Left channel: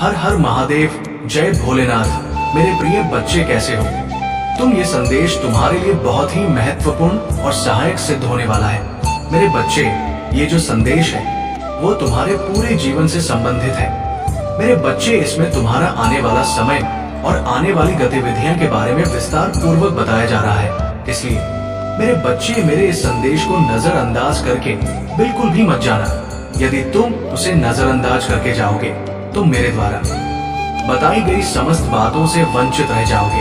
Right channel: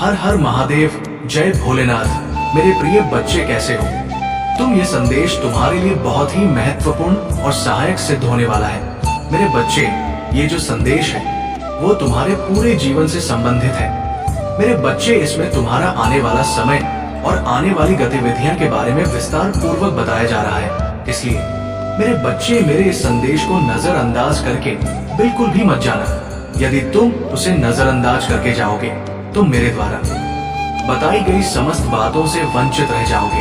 हर हर महादेव, जय भोलेनाथ। मेरे प्रिय बच्चे कैसे हो तुम? ये संदेश तुम्हारे लिए बहुत ही महत्वपूर्ण और सहायक सिद्ध होने वाला है। मेरे बच्चे, ये जो संदेश है वो तुम्हारे पूरे जीवन से संबंधित है। मेरे बच्चे, इसमें तुम्हारा आने वाला समय और आने वाली गतिविधियां के बारे में विस्तार पूर्वक बताया जा रहा है। इसलिए मेरे बच्चे, मेरे इस संदेश को नजरअंदाज करके बिल्कुल भी मत जाना। यदि तुम उसे नजरअंदाज करके जाओगे तो मेरे द्वारा बताई गई समस्त बातों से वंचित रह जाओगे,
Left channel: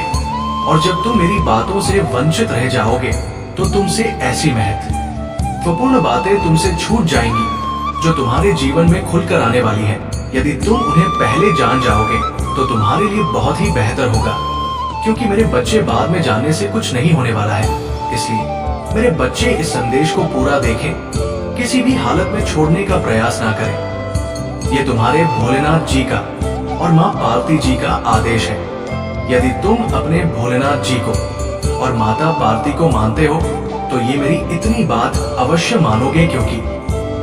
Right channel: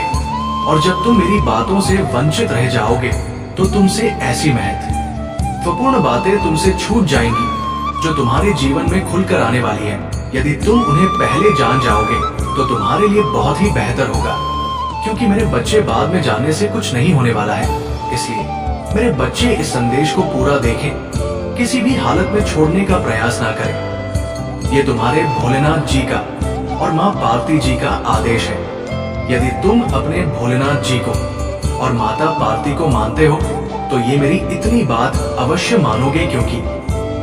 और जब तुम मेरी बातों से वंचित रह जाओगे तो तुमसे ऐसी महत्वपूर्ण बातें तुमसे छूट जाएंगी जो तुम्हारे जीवन में खुलकर आने वाली है। यदि तुम उन्हें पहले जान जाओगे तो तुम्हारे लिए बहुत ही बेहतर होगा, क्योंकि मेरे बच्चे, बाद में जानने से कुछ नहीं होने वाला है। इसलिए मेरे बच्चे, इस संदेश को पूरा देखें, किसी भी हालत में छोड़ने का प्रयास ना करें। ये तुम्हारे भोलेनाथ जी का और माँ पार्वती जी का आदेश है। यदि तुम अपने भोलेनाथ जी को और माता पार्वती को मानते हो तो ये मेरी इतनी बात अवश्य मानोगे, क्योंकि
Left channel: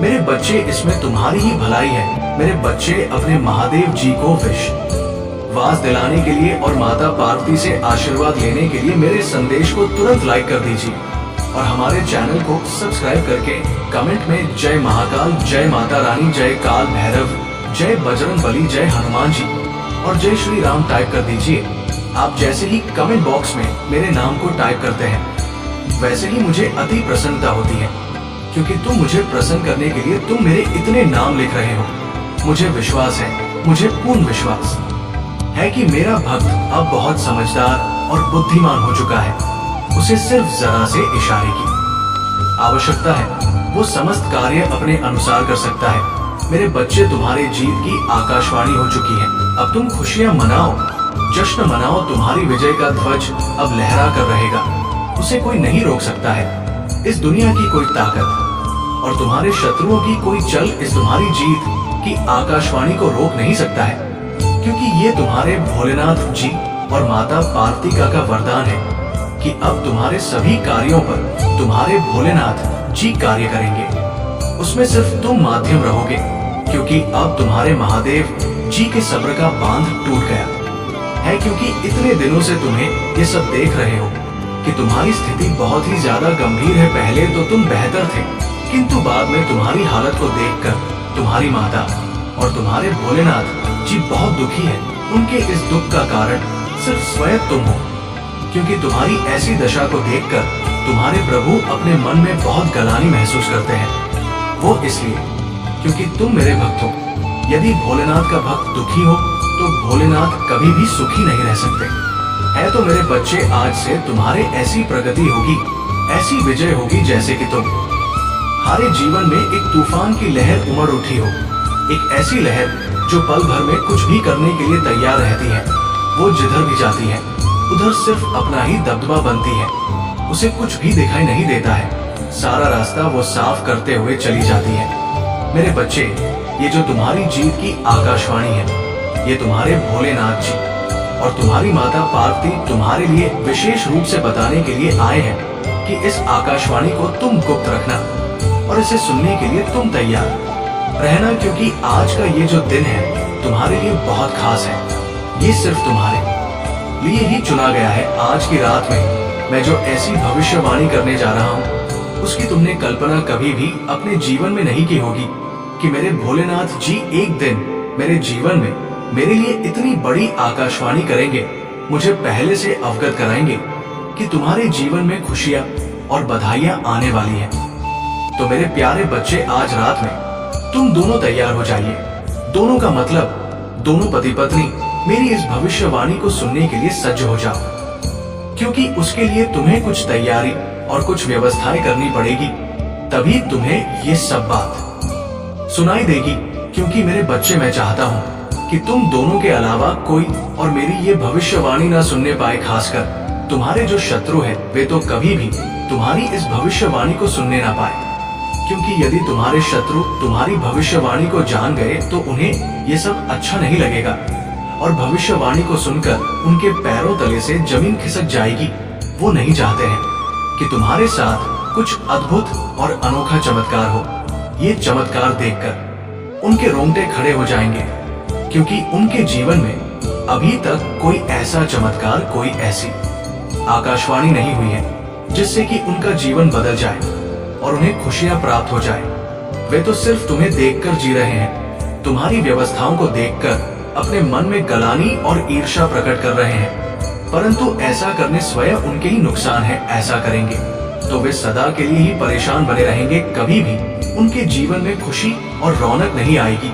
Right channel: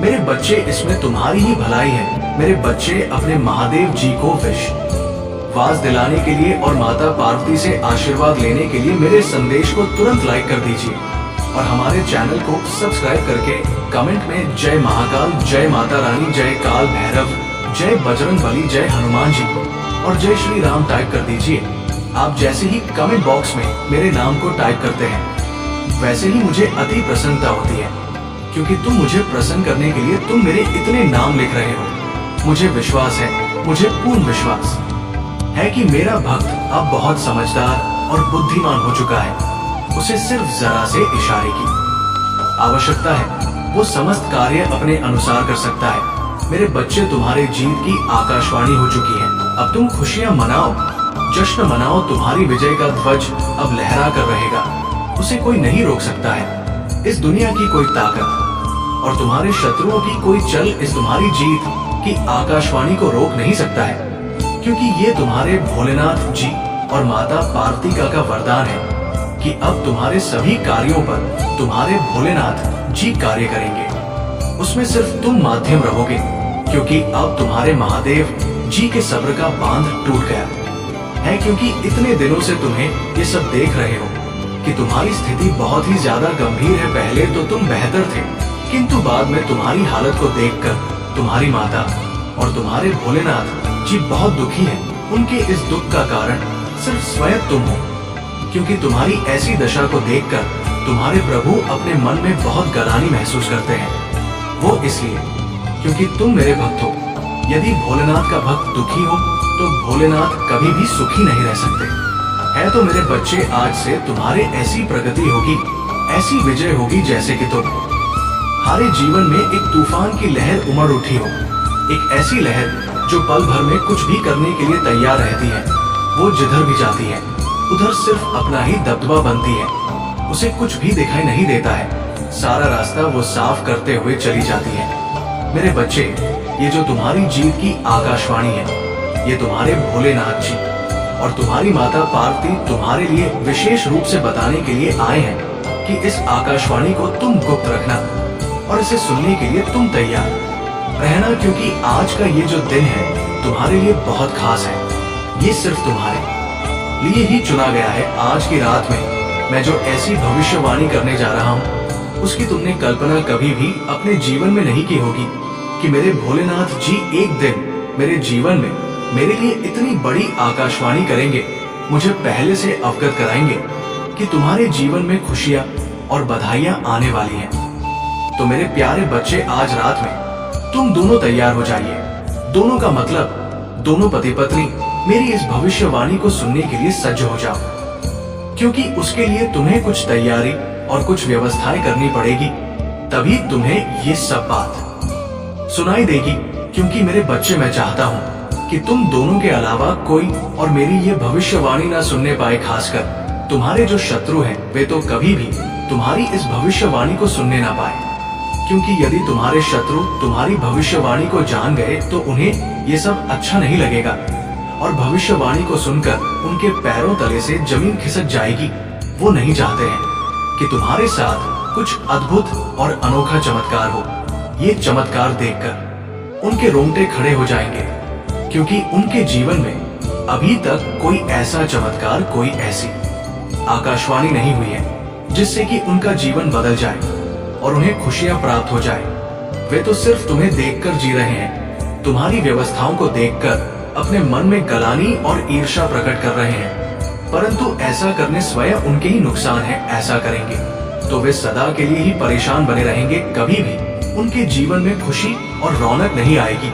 मेरे बच्चे, इसमें तुम्हारी ही भलाई है। मेरे बच्चे, अपने महादेव जी को विश्वास दिलाने के लिए और माता पार्वती से आशीर्वाद लेने के लिए मेरे संदेश को तुरंत लाइक कर दीजिए, और हमारे चैनल को सब्सक्राइब करके कमेंट में जय महाकाल, जय माता रानी, जय काल भैरव, जय बजरंग बली, जय हनुमान जी और जय श्री राम टाइप कर दीजिए। आप जैसे ही कमेंट बॉक्स में मेरे नाम को टाइप करते हैं, वैसे ही मुझे अति प्रसन्नता होती है, क्योंकि तुम मुझे प्रसन्न करने के लिए तुम मेरे इतने नाम लिख रहे हो। मुझे विश्वास है, मुझे पूर्ण विश्वास है कि मेरा भक्त अब बहुत समझदार और बुद्धिमान हो चुका है। उसे सिर्फ जरा से इशारे की आवश्यकता है, वो समस्त कार्य अपने अनुसार कर सकता है। मेरे बच्चे, तुम्हारे जीत की आकाशवाणी हो चुकी है। अब तुम खुशियां मनाओ, जश्न मनाओ। तुम्हारी विजय का ध्वज अब लहरा कर रहेगा। उसे कोई नहीं रोक सकता है। इस दुनिया की कोई ताकत और तुम्हारे शत्रुओं की कोई चल इस तुम्हारी जीत की आकाशवाणी को रोक नहीं सकता है, क्योंकि ये तुम्हारे भोलेनाथ जी और माता पार्वती का वरदान है कि अब तुम्हारे सभी कार्यों पर तुम्हारे भोलेनाथ जी कार्य करेंगे। उसमें सिर्फ तुम माध्यम रहोगे, क्योंकि अब तुम्हारे महादेव जी के सब्र का बांध टूट गया है। क्योंकि इतने दिनों से तुम्हें ये सब देख रहे हो कि तुम्हारी स्थिति बहुत ही ज्यादा गंभीर है। पहले तो तुम बेहतर थे, किंतु बाद में तुम्हारी हालत को देखकर तुम्हारी माता और तुम्हारे भोलेनाथ जी बहुत दुखी हैं। उनके इस दुख का कारण सिर्फ स्वयं तुम हो, क्योंकि तुम्हारी ऐसी दशा को देखकर तुम्हारे प्रभु अपने मन में बहुत गलानी महसूस करते हैं। वो इसलिए क्योंकि तुम मेरे भक्त हो। यदि भोलेनाथ का भक्त दुखी हो तो भोलेनाथ कभी भी सुखी नहीं रह सकते। है तो मेरे बच्चे, आज से तुम्हारे ऐसी प्रगति होगी, ऐसी विजय होगी, जैसे कि तुम्हारे जीवन में एक तूफान की लहर उमड़ उठी हो। एक ऐसी लहर जो पल भर में कुछ भी करने के लिए तैयार रहती है। वो जिधर भी जाती है उधर सिर्फ अपना ही दबदबा बनती है। उसे कुछ भी दिखाई नहीं देता है। सारा रास्ता वो साफ करते हुए चली जाती है। मेरे बच्चे, ये जो तुम्हारी जीत की आकाशवाणी है, ये तुम्हारे भोलेनाथ जी और तुम्हारी माता पार्वती तुम्हारे लिए विशेष रूप से बताने के लिए आए हैं कि इस आकाशवाणी को तुम गुप्त रखना और इसे सुनने के लिए तुम तैयार रहना, क्योंकि आज का ये जो दिन है तुम्हारे लिए बहुत खास है। ये सिर्फ तुम्हारे लिए ही चुना गया है। आज की रात में मैं जो ऐसी भविष्यवाणी करने जा रहा हूँ, उसकी तुमने कल्पना कभी भी अपने जीवन में नहीं की होगी कि मेरे भोलेनाथ जी एक दिन मेरे जीवन में मेरे लिए इतनी बड़ी आकाशवाणी करेंगे, मुझे पहले से अवगत कराएंगे कि तुम्हारे जीवन में खुशियां और बधाइयां आने वाली हैं। तो मेरे प्यारे बच्चे, आज रात में तुम दोनों तैयार हो जाइए। दोनों का मतलब दोनों पति पत्नी मेरी इस भविष्यवाणी को सुनने के लिए सज्ज हो जाओ, क्योंकि उसके लिए तुम्हें कुछ तैयारी और कुछ व्यवस्थाएं करनी पड़ेगी। तभी तुम्हें ये सब बात सुनाई देगी, क्योंकि मेरे बच्चे, मैं चाहता हूँ कि तुम दोनों के अलावा कोई और मेरी ये भविष्यवाणी ना सुनने पाए। खासकर तुम्हारे जो शत्रु हैं, वे तो कभी भी तुम्हारी इस भविष्यवाणी को सुनने ना पाए, क्योंकि यदि तुम्हारे शत्रु तुम्हारी भविष्यवाणी को जान गए तो उन्हें ये सब अच्छा नहीं लगेगा, और भविष्यवाणी को सुनकर उनके पैरों तले से जमीन खिसक जाएगी। वो नहीं चाहते हैं कि तुम्हारे साथ कुछ अद्भुत और अनोखा चमत्कार हो। ये चमत्कार देखकर उनके रोंगटे खड़े हो जाएंगे, क्योंकि उनके जीवन में अभी तक कोई ऐसा चमत्कार, कोई ऐसी आकाशवाणी नहीं हुई है जिससे कि उनका जीवन बदल जाए और उन्हें खुशियां प्राप्त हो जाए। वे तो सिर्फ तुम्हें देखकर जी रहे हैं, तुम्हारी व्यवस्थाओं को देखकर अपने मन में गलानी और ईर्ष्या प्रकट कर रहे हैं, परंतु ऐसा करने स्वयं उनके ही नुकसान है। ऐसा करेंगे तो वे सदा के लिए ही परेशान बने रहेंगे, कभी भी उनके जीवन में खुशी और रौनक नहीं आएगी।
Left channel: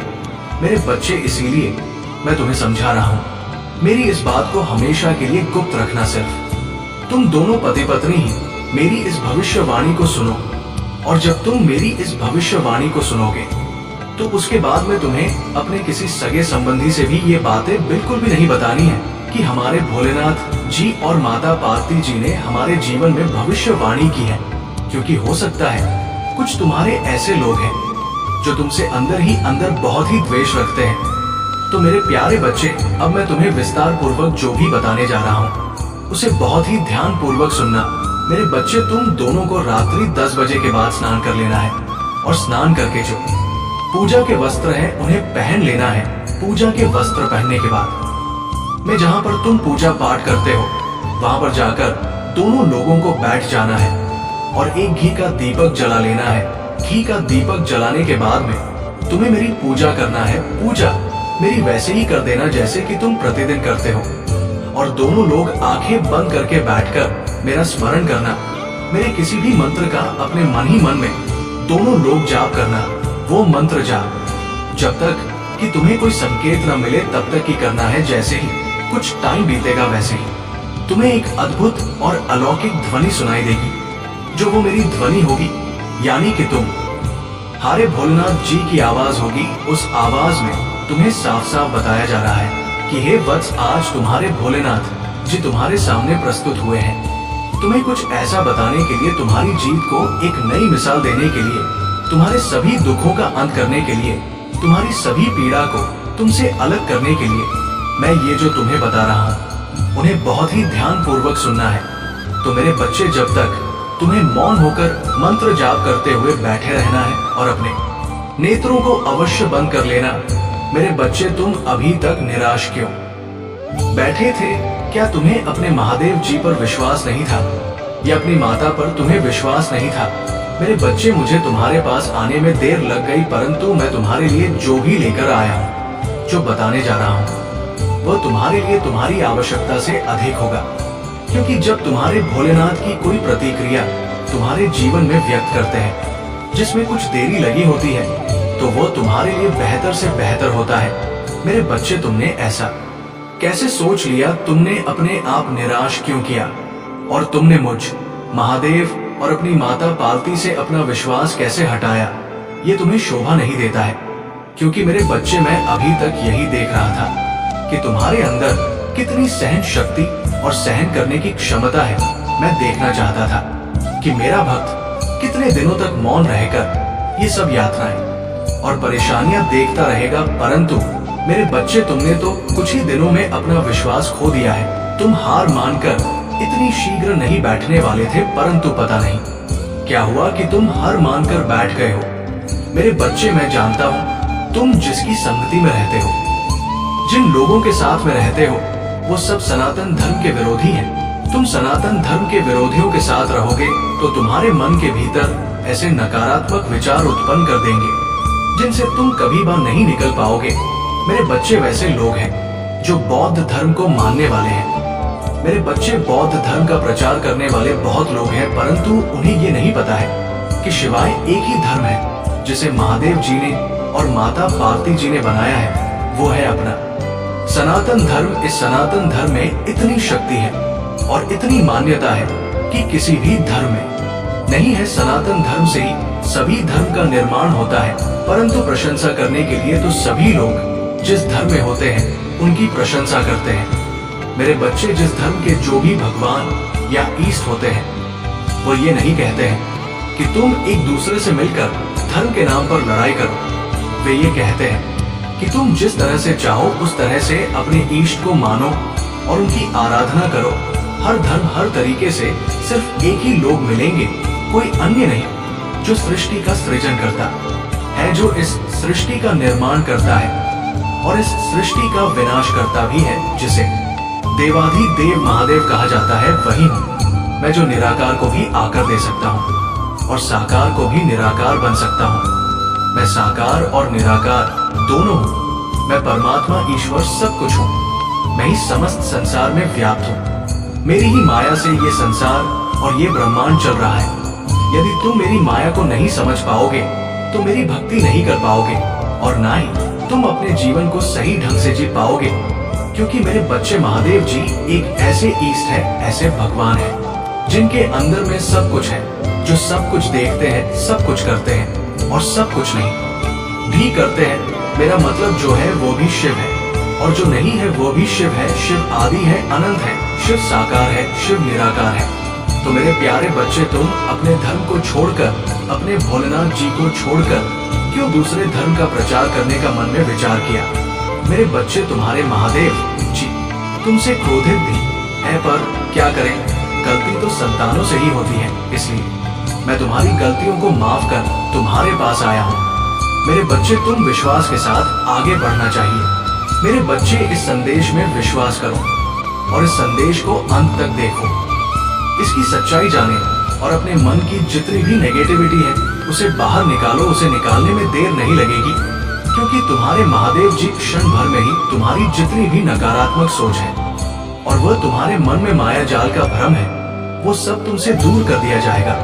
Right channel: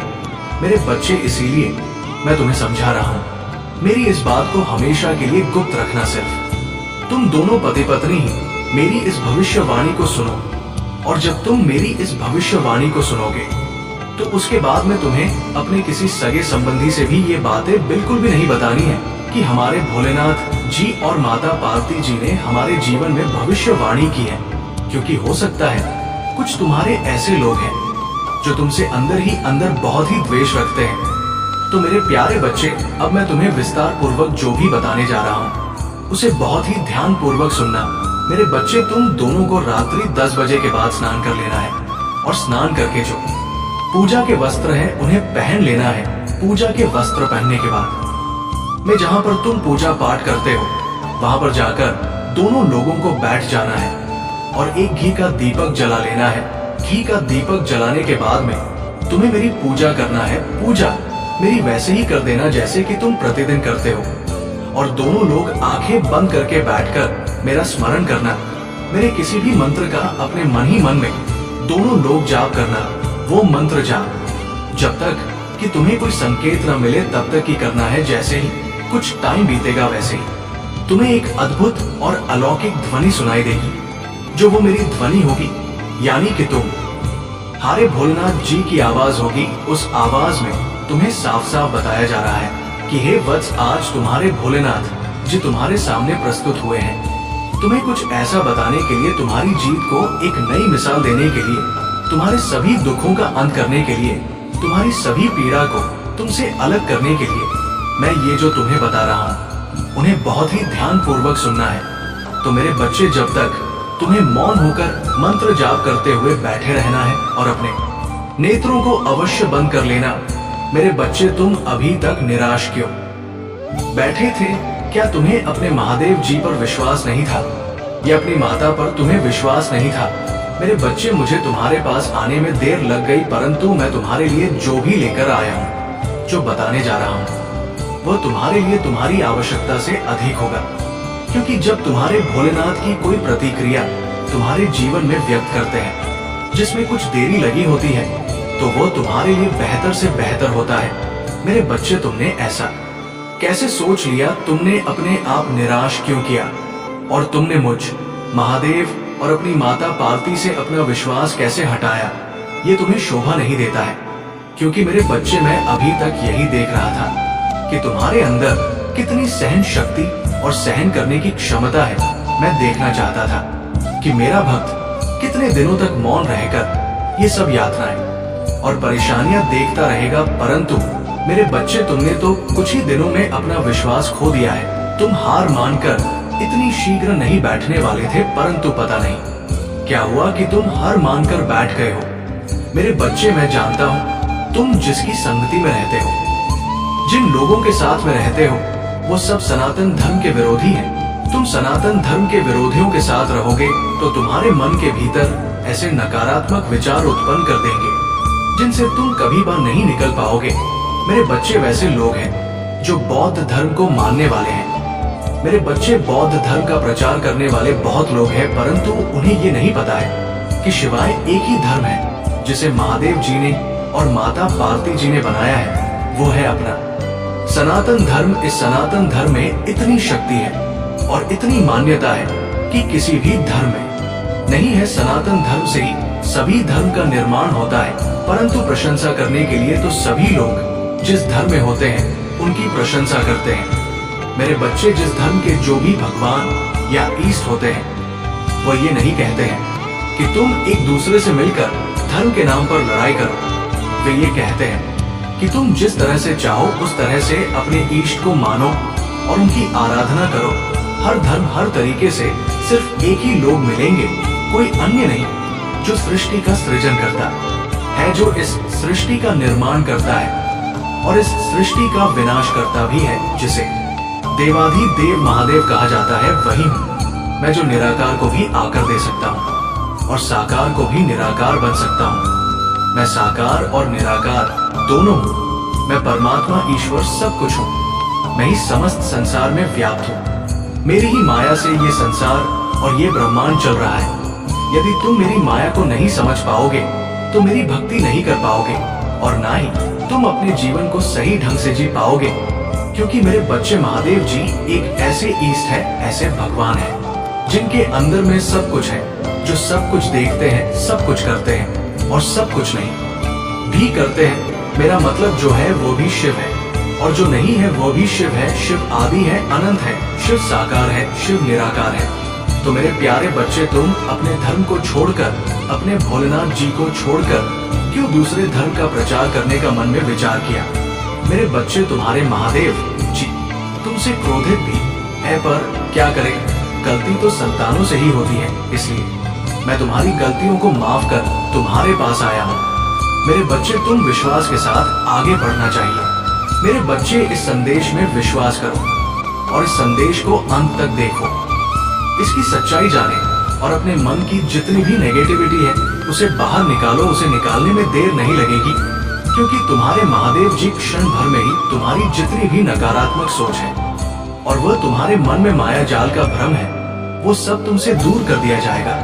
मेरे बच्चे, इसीलिए मैं तुम्हें समझा रहा हूँ, मेरी इस बात को हमेशा के लिए गुप्त रखना। सिर्फ तुम दोनों पति पत्नी ही मेरी इस भविष्यवाणी को सुनो, और जब तुम मेरी इस भविष्यवाणी को सुनोगे तो उसके बाद में तुम्हें अपने किसी सगे संबंधी से भी ये बातें बिल्कुल भी नहीं बतानी है कि हमारे भोलेनाथ जी और माता पार्वती जी ने हमारे जीवन में भविष्यवाणी की है। क्योंकि हो सकता है कुछ तुम्हारे ऐसे लोग हैं जो तुमसे अंदर ही अंदर बहुत ही द्वेष रखते हैं। तो मेरे प्यारे बच्चे, अब मैं तुम्हें विस्तार पूर्वक जो भी बताने जा रहा हूँ उसे बहुत ही ध्यान पूर्वक सुनना। मेरे बच्चे, तुम दोनों को रात्रि 10 बजे के बाद स्नान कर लेना है, और स्नान करके जो पूजा के वस्त्र हैं उन्हें पहन लेना है। पूजा के वस्त्र पहनने के बाद में जहां पर तुम पूजा पाठ करते हो वहां पर जाकर दोनों लोगों को बैठ जाना है और एक घी का दीपक जला लेना है। घी का दीपक जलाने के बाद में तुम्हें मेरी पूजा करना है। पूजा मेरी वैसे ही कर देना जैसे कि तुम प्रतिदिन करते हो, और दोनों लोग आंखें बंद करके बैठकर मेरा स्मरण करना। मेरे किसी भी मंत्र का अपने मन ही मन में दोनों लोग जाप करना। वो मंत्र जाप जब तक कि तुम्हें कोई संकेत न मिले तब तक ही करना है। जैसे ही कुछ टाइम बीतेगा वैसे ही तुम्हें एक अद्भुत और अलौकिक ध्वनि सुनाई देगी, जो वो मेरी ध्वनि होगी, यानी कि तुम हारे भोलेनाथ जी की आवाज होगी। उस आवाज में तुम्हें साफ साफ बताया जा रहा है कि हे वत्स, आज तुम्हारे भोलेनाथ जी तुम्हारे सामने प्रस्तुत हुए हैं। तुम्हें कुछ ऐसा बताने के लिए, तुम्हारी जीत को एक नई मिसाल देने के लिए, तुम्हारे सभी दुखों का अंत करने के लिए, तुम्हारी सभी पीड़ा को तुमसे अलग करने के लिए मैं ये जो तुम्हें बता रहा हूँ उन्हें बहुत ही ध्यान पूर्वक सुनना है। तो मेरे बच्चे, जब तक तुम्हें मौन होकर मंत्र जाप करते हुए बैठे रहना है और अपने नेत्रों को अवश्य बंद कर लेना। मेरे बच्चे, तुम अभी तक निराश क्यों बैठे थे? क्या तुम्हें अपने महादेव जी पर विश्वास नहीं था, या अपनी माता पर तुम्हें विश्वास नहीं था? मेरे बच्चे, मुझे तुम्हारे पास आने में देर लग गई, परंतु मैं तुम्हारे लिए जो भी लेकर आया हूँ, जो बताने जा रहा हूँ, वो तुम्हारे लिए तुम्हारी आवश्यकता से अधिक होगा। क्योंकि जब तुम्हारे भोलेनाथ की कोई प्रतिक्रिया तुम्हारे जीवन में व्यक्त करते हैं जिसमें कुछ देरी लगी होती है, तो वो तुम्हारे लिए बेहतर से बेहतर होता है। मेरे बच्चे, तुमने ऐसा कैसे सोच लिया? तुमने अपने आप निराश क्यों किया? और तुमने मुझ महादेव और अपनी माता पार्वती से अपना विश्वास कैसे हटाया? ये तुम्हें शोभा नहीं देता है। क्योंकि मेरे बच्चे, मैं अभी तक यही देख रहा था कि तुम्हारे अंदर कितनी सहन शक्ति और सहन करने की क्षमता है। मैं देखना चाहता था कि मेरा भक्त कितने दिनों तक मौन रहकर ये सब यातनाएं और परेशानियां देखता रहेगा। परंतु मेरे बच्चे, तुमने तो कुछ ही दिनों में अपना विश्वास खो दिया है। तुम हार मानकर इतनी शीघ्र नहीं बैठने वाले थे, परंतु पता नहीं क्या हुआ कि तुम हार मानकर बैठ गए हो। मेरे बच्चे, मैं जानता हूँ तुम जिसकी संगति में रहते हो, जिन लोगों के साथ में रहते हो, वो सब सनातन धर्म के विरोधी हैं। तुम सनातन धर्म के विरोधियों के साथ रहोगे तो तुम्हारे मन के भीतर ऐसे नकारात्मक विचार उत्पन्न कर देंगे जिनसे तुम कभी बाहर नहीं निकल पाओगे। मेरे बच्चे, वैसे लोग हैं जो बौद्ध धर्म को मानने वाले हैं। मेरे बच्चे, बौद्ध धर्म का प्रचार करने वाले बहुत लोग हैं, परंतु उन्हें ये नहीं पता है कि शिवाय एक ही धर्म है जिसे महादेव जी ने और माता पार्वती जी ने बनाया है, वो है अपना सनातन धर्म। इस सनातन धर्म में इतनी शक्ति है और इतनी मान्यता है कि किसी भी धर्म में नहीं है। सनातन धर्म से ही सभी धर्म का निर्माण होता है, परंतु प्रशंसा करने के लिए तो सभी लोग जिस धर्म में होते हैं उनकी प्रशंसा करते हैं। मेरे बच्चे, जिस धर्म के जो भी भगवान या ईष्ट होते हैं वो ये नहीं कहते हैं कि तुम एक दूसरे से मिलकर धर्म के नाम पर लड़ाई करो। वे ये कहते हैं कि तुम जिस तरह से चाहो उस तरह से अपने ईष्ट को मानो और उनकी आराधना करो। हर धर्म हर तरीके से सिर्फ एक ही लोग मिलेंगे, कोई अन्य नहीं, जो सृष्टि का सृजन करता है, जो इस सृष्टि का निर्माण करता है। और इस सृष्टि का विनाश करता भी है, जिसे देवाधिदेव महादेव कहा जाता है, वही हूँ मैं, जो निराकार को भी आकर दे सकता हूँ और साकार को भी निराकार बन सकता हूँ। मैं साकार और निराकार दोनों हूँ। मैं परमात्मा ईश्वर सब कुछ हूँ। मैं ही समस्त संसार में व्याप्त हूँ। मेरी ही माया से ये संसार और ये ब्रह्मांड चल रहा है। यदि तुम मेरी माया को नहीं समझ पाओगे तो मेरी भक्ति नहीं कर पाओगे और ना ही तुम अपने जीवन को सही ढंग से जी पाओगे, क्योंकि मेरे बच्चे महादेव जी एक ऐसे ईष्ट है, ऐसे भगवान है जिनके अंदर में सब कुछ है, जो सब कुछ देखते हैं, सब कुछ करते हैं और सब कुछ नहीं भी करते हैं। मेरा मतलब जो है वो भी शिव है और जो नहीं है वो भी शिव है। शिव आदि है, अनंत है, शिव साकार है, शिव निराकार है। तो मेरे प्यारे बच्चे, तुम अपने धर्म को छोड़कर, अपने भोलेनाथ जी को छोड़कर क्यों दूसरे धर्म का प्रचार करने का मन में विचार किया? मेरे बच्चे, तुम्हारे महादेव जी तुमसे क्रोधित भी है, पर क्या करें, गलती तो संतानों से ही होती है। इसलिए मैं तुम्हारी गलतियों को माफ कर तुम्हारे पास आया हूँ। मेरे बच्चे, तुम विश्वास के साथ आगे बढ़ना चाहिए। मेरे बच्चे, इस संदेश में विश्वास करो और इस संदेश को अंत तक देखो। इसकी सच्चाई जाने और अपने मन की जितनी भी नेगेटिविटी है उसे बाहर निकालो। उसे निकालने में देर नहीं लगेगी, क्योंकि तुम्हारे महादेव जी क्षण भर में ही तुम्हारी जितनी भी नकारात्मक सोच है और वह तुम्हारे मन में माया जाल का भ्रम है, वो सब तुमसे दूर कर दिया जाएगा।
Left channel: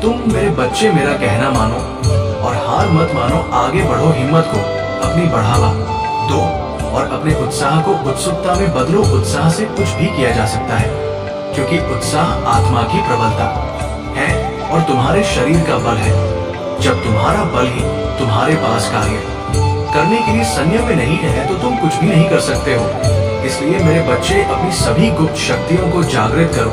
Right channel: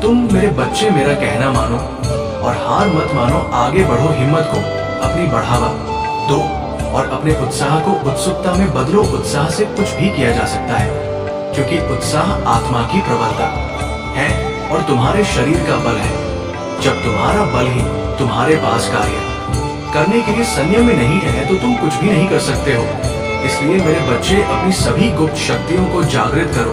तुम मेरे बच्चे मेरा कहना मानो और हार मत मानो। आगे बढ़ो, हिम्मत को अपनी बढ़ावा दो और अपने उत्साह को उत्सुकता में बदलो। उत्साह से कुछ भी किया जा सकता है, क्योंकि उत्साह आत्मा की प्रबलता है और तुम्हारे शरीर का बल है। जब तुम्हारा बल ही तुम्हारे पास कार्य करने के लिए संयम में नहीं है तो तुम कुछ भी नहीं कर सकते हो। इसलिए मेरे बच्चे, अपनी सभी गुप्त शक्तियों को जागृत करो,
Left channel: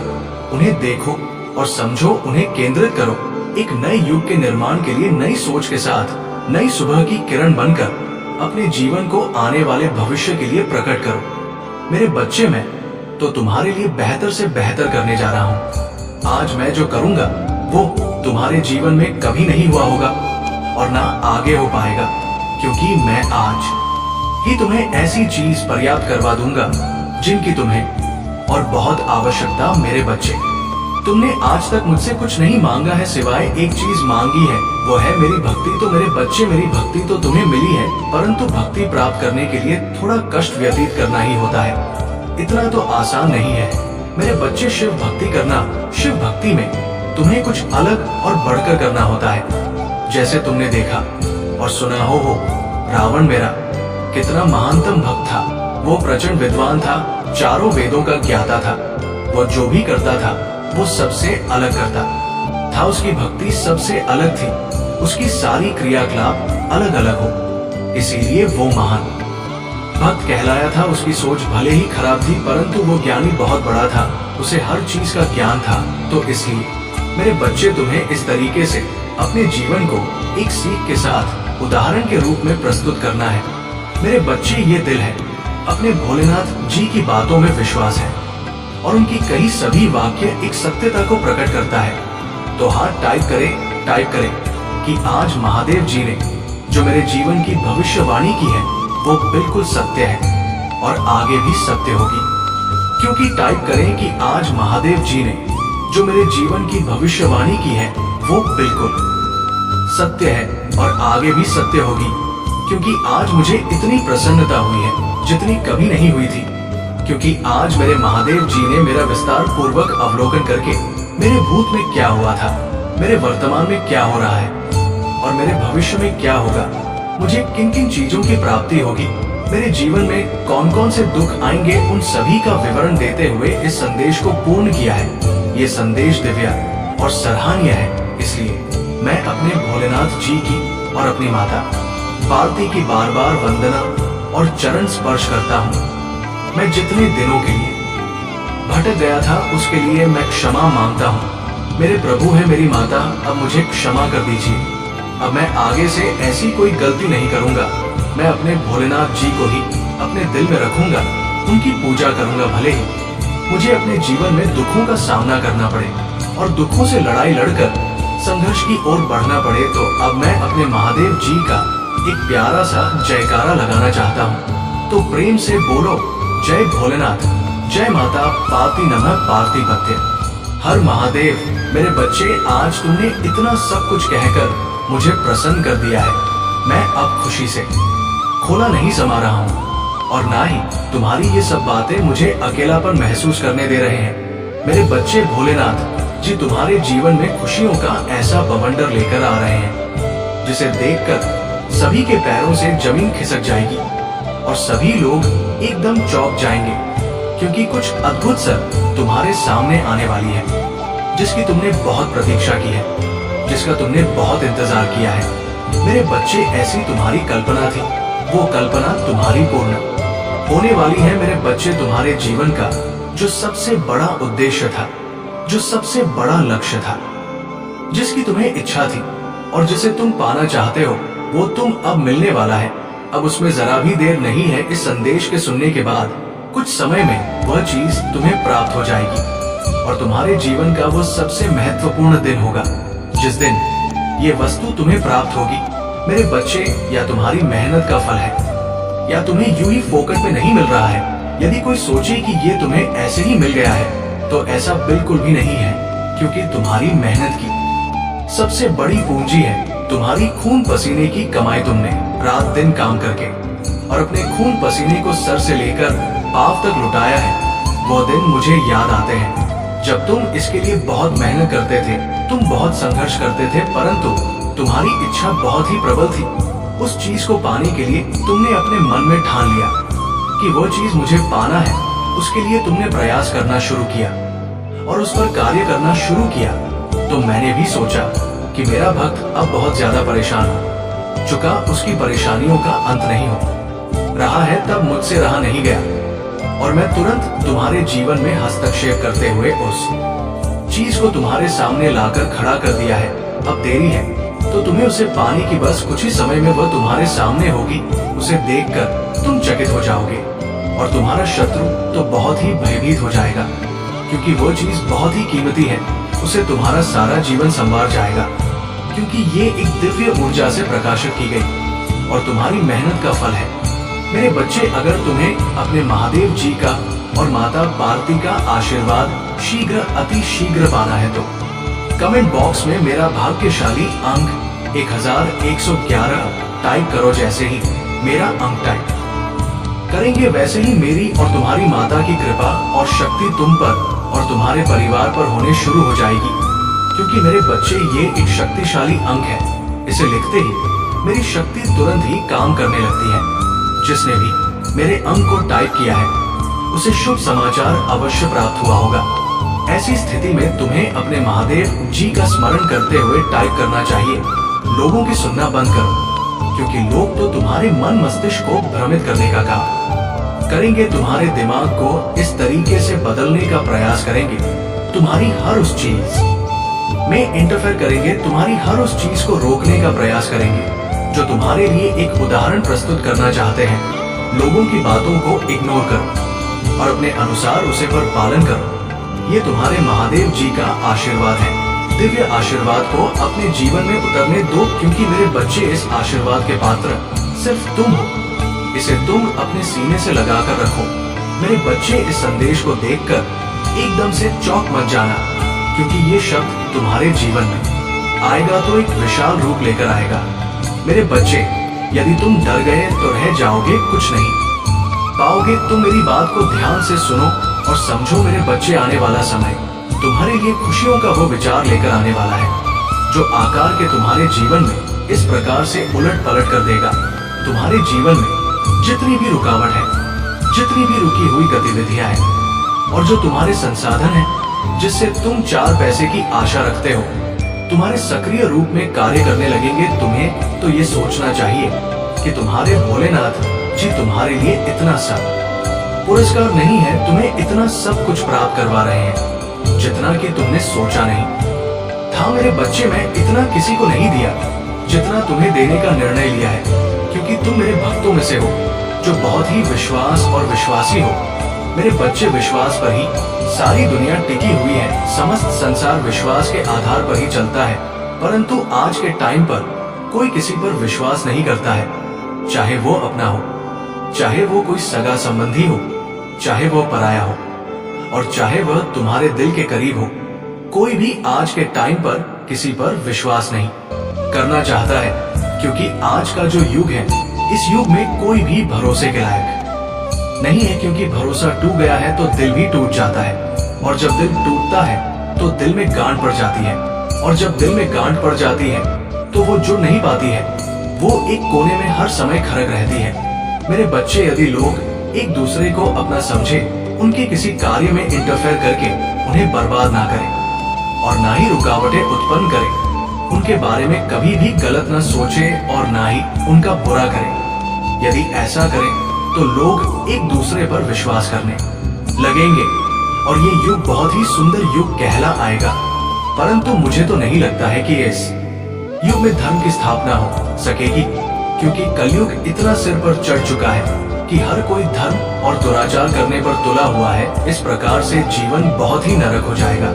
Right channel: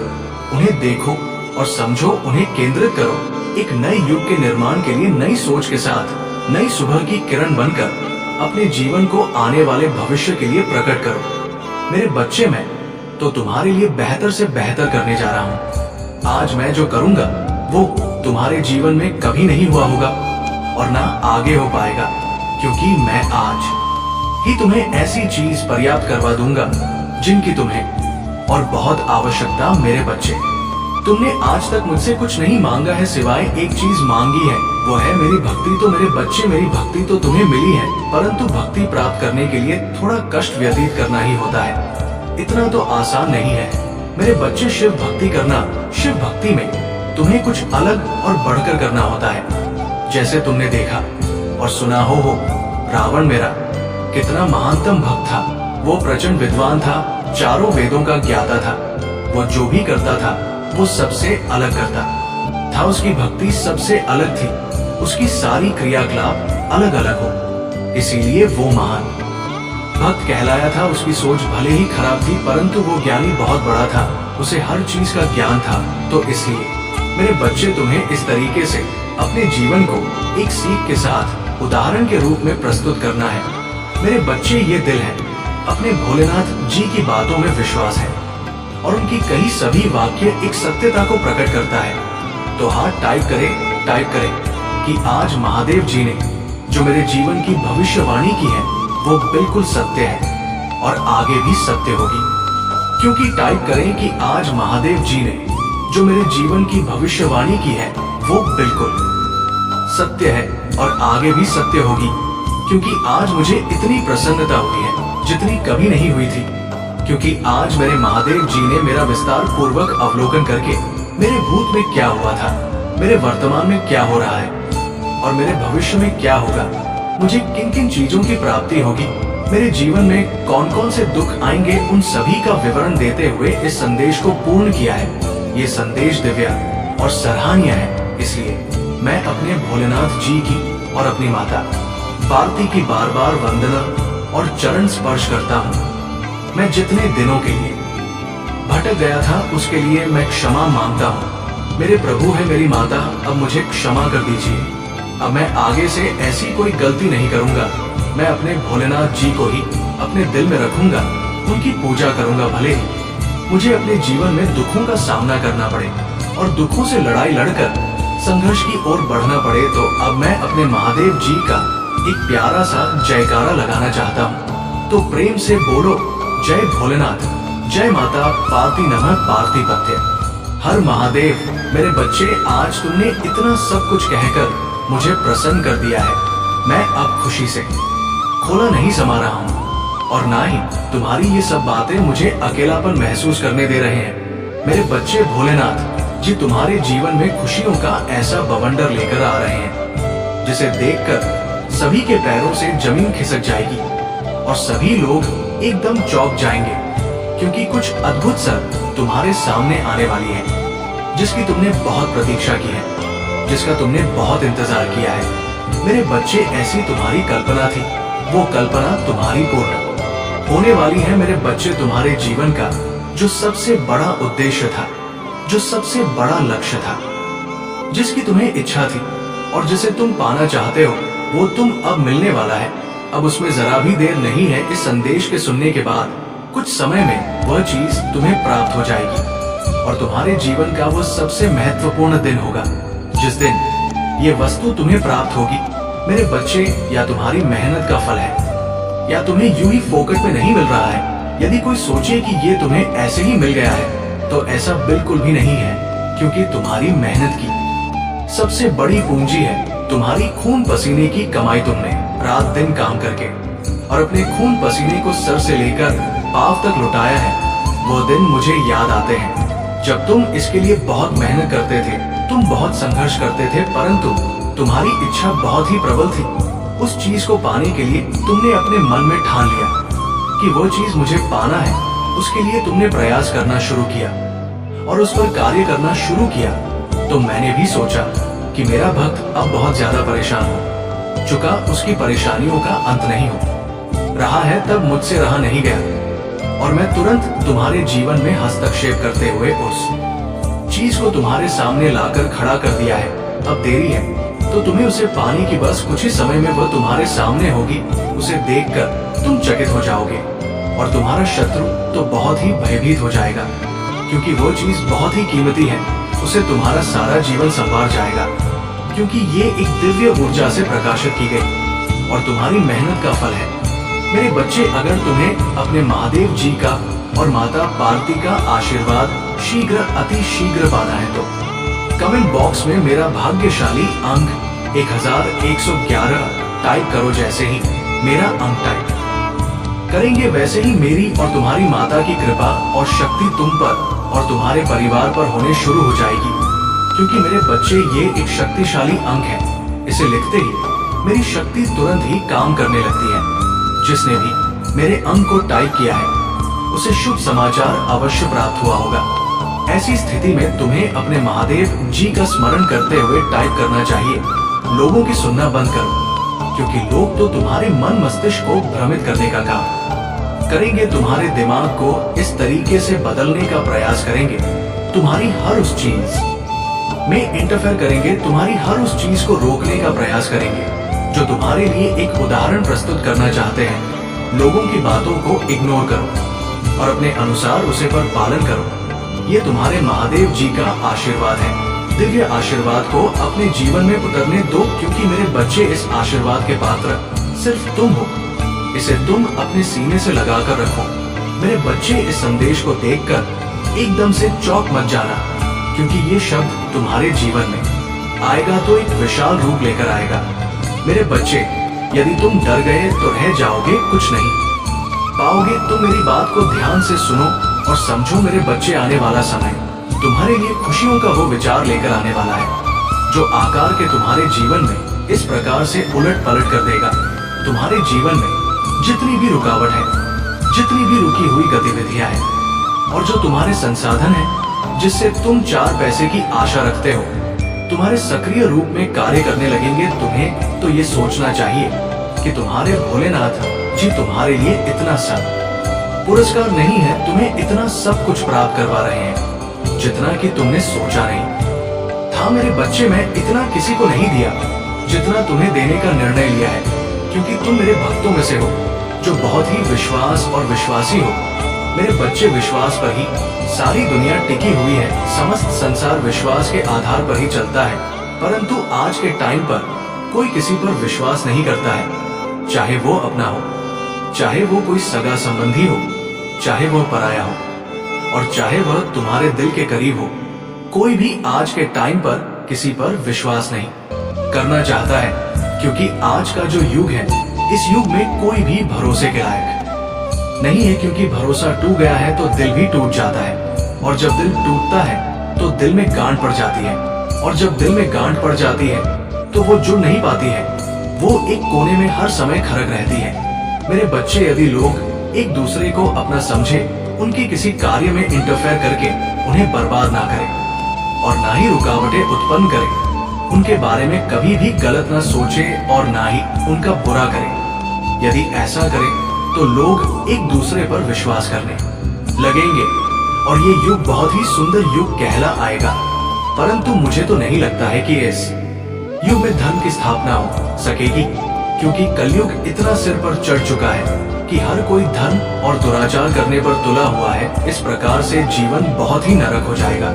उन्हें देखो और समझो, उन्हें केंद्रित करो। एक नए युग के निर्माण के लिए नई सोच के साथ नई सुबह की किरण बनकर अपने जीवन को आने वाले भविष्य के लिए प्रकट करो। मेरे बच्चे, मैं तो तुम्हारे लिए बेहतर से बेहतर करने जा रहा हूँ। आज मैं जो करूँगा वो तुम्हारे जीवन में कभी नहीं हुआ होगा और ना आगे हो पाएगा, क्योंकि मैं आज ही तुम्हें ऐसी चीज पर्याप्त करवा दूंगा जिनकी तुम्हें और बहुत आवश्यकता। मेरे बच्चे, तुमने आज तक मुझसे कुछ नहीं मांगा है, सिवाय एक चीज मांगी है, वो है मेरी भक्ति। तो मेरे बच्चे, मेरी भक्ति तो तुम्हें मिली है, परंतु भक्ति प्राप्त करने के लिए थोड़ा कष्ट व्यतीत करना ही होता है। इतना तो आसान नहीं है मेरे बच्चे। शिव भक्ति करना, शिव भक्ति में तुम्हें कुछ अलग और बढ़कर करना होता है। जैसे तुमने देखा और सुना हो रावण मेरा कितना महानतम भक्त था। वो प्रचंड विद्वान था, चारों वेदों का ज्ञाता था। वो जो भी करता था वो सबसे अलग करता था। उसकी भक्ति सबसे अलग थी, उसकी सारी क्रियाकलाप अलग अलग हो, इसीलिए वो महान भक्त कहलाया था। उसकी सोच भले ही खराब थी, परंतु वो ज्ञानी बहुत बड़ा था, उसे हर चीज का ज्ञान था। तो इसलिए मेरे बच्चे, तुम्हें इस तरीके से अपने जीवन को एक सीख के साथ उदाहरण के रूप में प्रस्तुत करना है। मेरे बच्चे, ये दिल है, अपने भोलेनाथ जी की बातों में विश्वास है और उनकी कई सभी वाक्य एक सत्यता को प्रकट करता है। तो हाथ टाइप करें कि आज महादेव जी ने जो मेरे जीवन की भविष्यवाणी की है वो बिल्कुल सत्य है और आगे भी सत्य होगी। क्योंकि टाइप करें कि आज महादेव जी ने जो मेरे जीवन की भविष्यवाणी की है वो बिल्कुल सत्य है और आगे भी सत्य होगी। क्योंकि आज मुझे इतनी प्रसन्नता हुई है जितनी कभी नहीं हुई थी, क्योंकि आज मेरे महादेव जी ने मेरा विस्तार पूर्वक अवलोकन करके मेरे भूत में क्या हुआ था, मेरे वर्तमान में क्या हो रहा है और मेरे भविष्य में क्या होगा, मुझे किन किन चीजों की प्राप्ति होगी, मेरे जीवन में कौन कौन से दुख आएंगे, उन सभी का विवरण देते हुए इस संदेश को पूर्ण किया है। ये संदेश दिव्य और सराहनीय है, इसलिए मैं अपने भोलेनाथ जी की और अपनी माता पार्वती की बार बार वंदना और चरण स्पर्श करता हूँ। मैं जितने दिनों के लिए भटक गया था उसके लिए मैं क्षमा मांगता हूँ। मेरे प्रभु है मेरी माता, अब मुझे क्षमा कर दीजिए। अब मैं आगे से ऐसी कोई गलती नहीं करूँगा। मैं अपने भोलेनाथ जी को ही अपने दिल में रखूंगा, उनकी पूजा करूंगा। भले ही मुझे अपने जीवन में दुखों का सामना करना पड़े और दुखों से लड़ाई लड़कर संघर्ष की ओर बढ़ना पड़े, तो अब मैं अपने महादेव जी का एक प्यारा सा जयकारा लगाना चाहता हूँ। तो प्रेम से बोलो जय भोलेनाथ, जय माता पार्वती नमः पार्थिपत्य। हर महादेव। मेरे बच्चे, आज तुमने इतना सब कुछ कहकर मुझे प्रसन्न कर दिया है। मैं अब खुशी से खोला नहीं समा रहा हूँ और ना ही तुम्हारी ये सब बातें मुझे अकेलापन महसूस करने दे रहे हैं। मेरे बच्चे, भोलेनाथ जी तुम्हारे जीवन में खुशियों का ऐसा बवंडर लेकर आ रहे हैं जिसे देखकर सभी के पैरों से जमीन खिसक जाएगी और सभी लोग एकदम चौंक जाएंगे, क्योंकि कुछ अद्भुत सर तुम्हारे सामने आने वाली है जिसकी तुमने बहुत प्रतीक्षा की है, जिसका तुमने बहुत इंतजार किया है। मेरे बच्चे, ऐसी तुम्हारी कल्पना थी, वो कल्पना तुम्हारी पूर्ण होने वाली है। मेरे बच्चे, तुम्हारे जीवन का जो सबसे बड़ा उद्देश्य था, जो सबसे बड़ा लक्ष्य था, जिसकी तुम्हें इच्छा थी और जिसे तुम पाना चाहते हो, वो तुम अब मिलने वाला है। अब उसमें जरा भी देर नहीं है। इस संदेश के सुनने के बाद कुछ समय में वह चीज तुम्हें प्राप्त हो जाएगी और तुम्हारे जीवन का वो सबसे महत्वपूर्ण दिन होगा जिस दिन ये वस्तु तुम्हें प्राप्त होगी। मेरे बच्चे, या तुम्हारी मेहनत का फल है या तुम्हें यूं ही फोकट में नहीं मिल रहा है। यदि कोई सोचे कि ये तुम्हें ऐसे ही मिल गया है तो ऐसा बिल्कुल भी नहीं है, क्योंकि तुम्हारी मेहनत की सबसे बड़ी पूंजी है तुम्हारी खून पसीने की कमाई। तुमने रात दिन काम करके और अपने खून पसीने को सर से लेकर पांव तक लुटाया है। वो दिन मुझे याद आते हैं जब तुम इसके लिए बहुत मेहनत करते थे, तुम बहुत संघर्ष करते थे, परंतु तुम्हारी इच्छा बहुत ही प्रबल थी। उस चीज को पाने के लिए तुमने अपने मन में ठान लिया कि वो चीज मुझे पाना है। उसके लिए तुमने प्रयास करना शुरू किया और उस पर कार्य करना शुरू किया। तो मैंने भी सोचा कि मेरा भक्त अब बहुत ज्यादा परेशान हो चुका, उसकी परेशानियों का अंत नहीं हो रहा है, तब मुझसे रहा नहीं गया और मैं तुरंत तुम्हारे जीवन में हस्तक्षेप करते हुए उस चीज को तुम्हारे सामने लाकर खड़ा कर दिया है। अब देरी है तो तुम्हें उसे पाने की बस कुछ ही समय में वह तुम्हारे सामने होगी। उसे देखकर तुम चकित हो जाओगे और तुम्हारा शत्रु तो बहुत ही भयभीत हो जाएगा, क्योंकि वो चीज बहुत ही कीमती है। उसे तुम्हारा सारा जीवन संवार जाएगा, क्योंकि ये एक दिव्य ऊर्जा से प्रकाशित की गई और तुम्हारी मेहनत का फल है। मेरे बच्चे, अगर तुम्हें अपने महादेव जी का और माता पार्वती का आशीर्वाद शीघ्र, अति शीघ्र पाना है तो कमेंट बॉक्स में मेरा भाग्यशाली अंक 1111 टाइप करो। जैसे ही मेरा अंक टाइप करेंगे वैसे ही मेरी और तुम्हारी माता की कृपा और शक्ति तुम पर और तुम्हारे परिवार पर होने शुरू हो जाएगी, क्योंकि मेरे बच्चे, ये एक शक्तिशाली अंक है। इसे लिखते ही मेरी शक्ति तुरंत ही काम करने लगती है। जिसने भी मेरे अंक को टाइप किया है उसे शुभ समाचार अवश्य प्राप्त हुआ होगा। ऐसी स्थिति में तुम्हें अपने महादेव जी का स्मरण करते हुए टाइप करना चाहिए। लोगों की सुनना बंद करो, क्योंकि लोग तो तुम्हारे मन मस्तिष्क को भ्रमित करने का काम करेंगे, तुम्हारे दिमाग को इस तरीके से बदलने का प्रयास करेंगे, तुम्हारी हर उस चीज में इंटरफेयर करेंगे, तुम्हारी हर उस चीज को रोकने का प्रयास करेंगे जो तुम्हारे लिए एक उदाहरण प्रस्तुत करना चाहते हैं। लोगों की बातों को इग्नोर करो और अपने अनुसार उसे पर पालन करो। ये तुम्हारे महादेव जी का आशीर्वाद है। दिव्य आशीर्वाद को अपने जीवन में उतरने दो, क्योंकि मेरे बच्चे, इस आशीर्वाद के पात्र सिर्फ तुम हो। इसे तुम अपने सीने से लगाकर रखो। मेरे बच्चे, इस संदेश को देखकर एकदम से चौंक मत जाना, क्योंकि ये शब्द तुम्हारे जीवन में आएगा तो एक विशाल रूप लेकर आएगा। मेरे बच्चे, यदि तुम डर गए तो रह जाओगे, कुछ नहीं पाओगे। तुम मेरी बात को ध्यान से सुनो और समझो। मेरे बच्चे, आने वाला समय तुम्हारे लिए खुशियों का वो विचार लेकर आने वाला है जो आकार के तुम्हारे जीवन में इस प्रकार से उलट पलट कर देगा। तुम्हारे जीवन में जितनी भी रुकावट है, जितनी भी रुकी हुई गतिविधियां हैं और जो तुम्हारे संसाधन हैं जिससे तुम 4 पैसे की आशा रखते हो, तुम्हारे सक्रिय रूप में कार्य करने लगेंगे। तुम्हें तो ये सोचना चाहिए कि तुम्हारे भोलेनाथ जी तुम्हारे लिए इतना सब पुरस्कार नहीं है, तुम्हें इतना सब कुछ प्राप्त करवा रहे हैं जितना कि तुमने सोचा नहीं था। मेरे बच्चे, मैं इतना किसी को नहीं दिया जितना तुम्हें देने का निर्णय लिया है, क्योंकि तुम मेरे भक्तों में से हो जो बहुत ही विश्वास और विश्वासी हो। मेरे बच्चे, विश्वास पर ही सारी दुनिया टिकी हुई है। समस्त संसार विश्वास के आधार पर ही चलता है, परंतु आज के टाइम पर कोई किसी पर विश्वास नहीं करता है, चाहे वो अपना हो चाहे वो कोई सगा संबंधी हो, चाहे वह पराया हो, और चाहे वह तुम्हारे दिल के करीब हो, कोई भी आज के टाइम पर किसी पर विश्वास नहीं करना चाहता है, क्योंकि आज का जो युग है, इस युग में कोई भी भरोसे के लायक नहीं है। क्योंकि भरोसा टूट गया है तो दिल भी टूट जाता है, और जब दिल टूटता है तो दिल में गांठ पड़ जाती है, और जब दिल में गांठ पड़ जाती है तो वो जुड़ नहीं पाती है, वो एक कोने में हर समय खड़क रहती है। मेरे बच्चे, यदि लोग एक दूसरे को अपना समझे, उनके किसी कार्य में इंटरफेयर करके उन्हें बर्बाद ना करें और ना ही रुकावटें उत्पन्न करें, उनके बारे में कभी भी गलत ना सोचें और ना ही उनका बुरा करें, यदि ऐसा करें तो लोग एक दूसरे पर विश्वास करने लगेंगे और ये युग बहुत ही सुंदर युग कहला आएगा। परंतु मुझे तो नहीं लगता है कि इस युग में धर्म की स्थापना हो सकेगी, क्योंकि कलयुग इतना सिर पर चढ़ चुका है कि हर कोई धर्म और दुराचार करने पर तुला हुआ है। इस प्रकार से जीवन बहुत ही नरक हो जाएगा।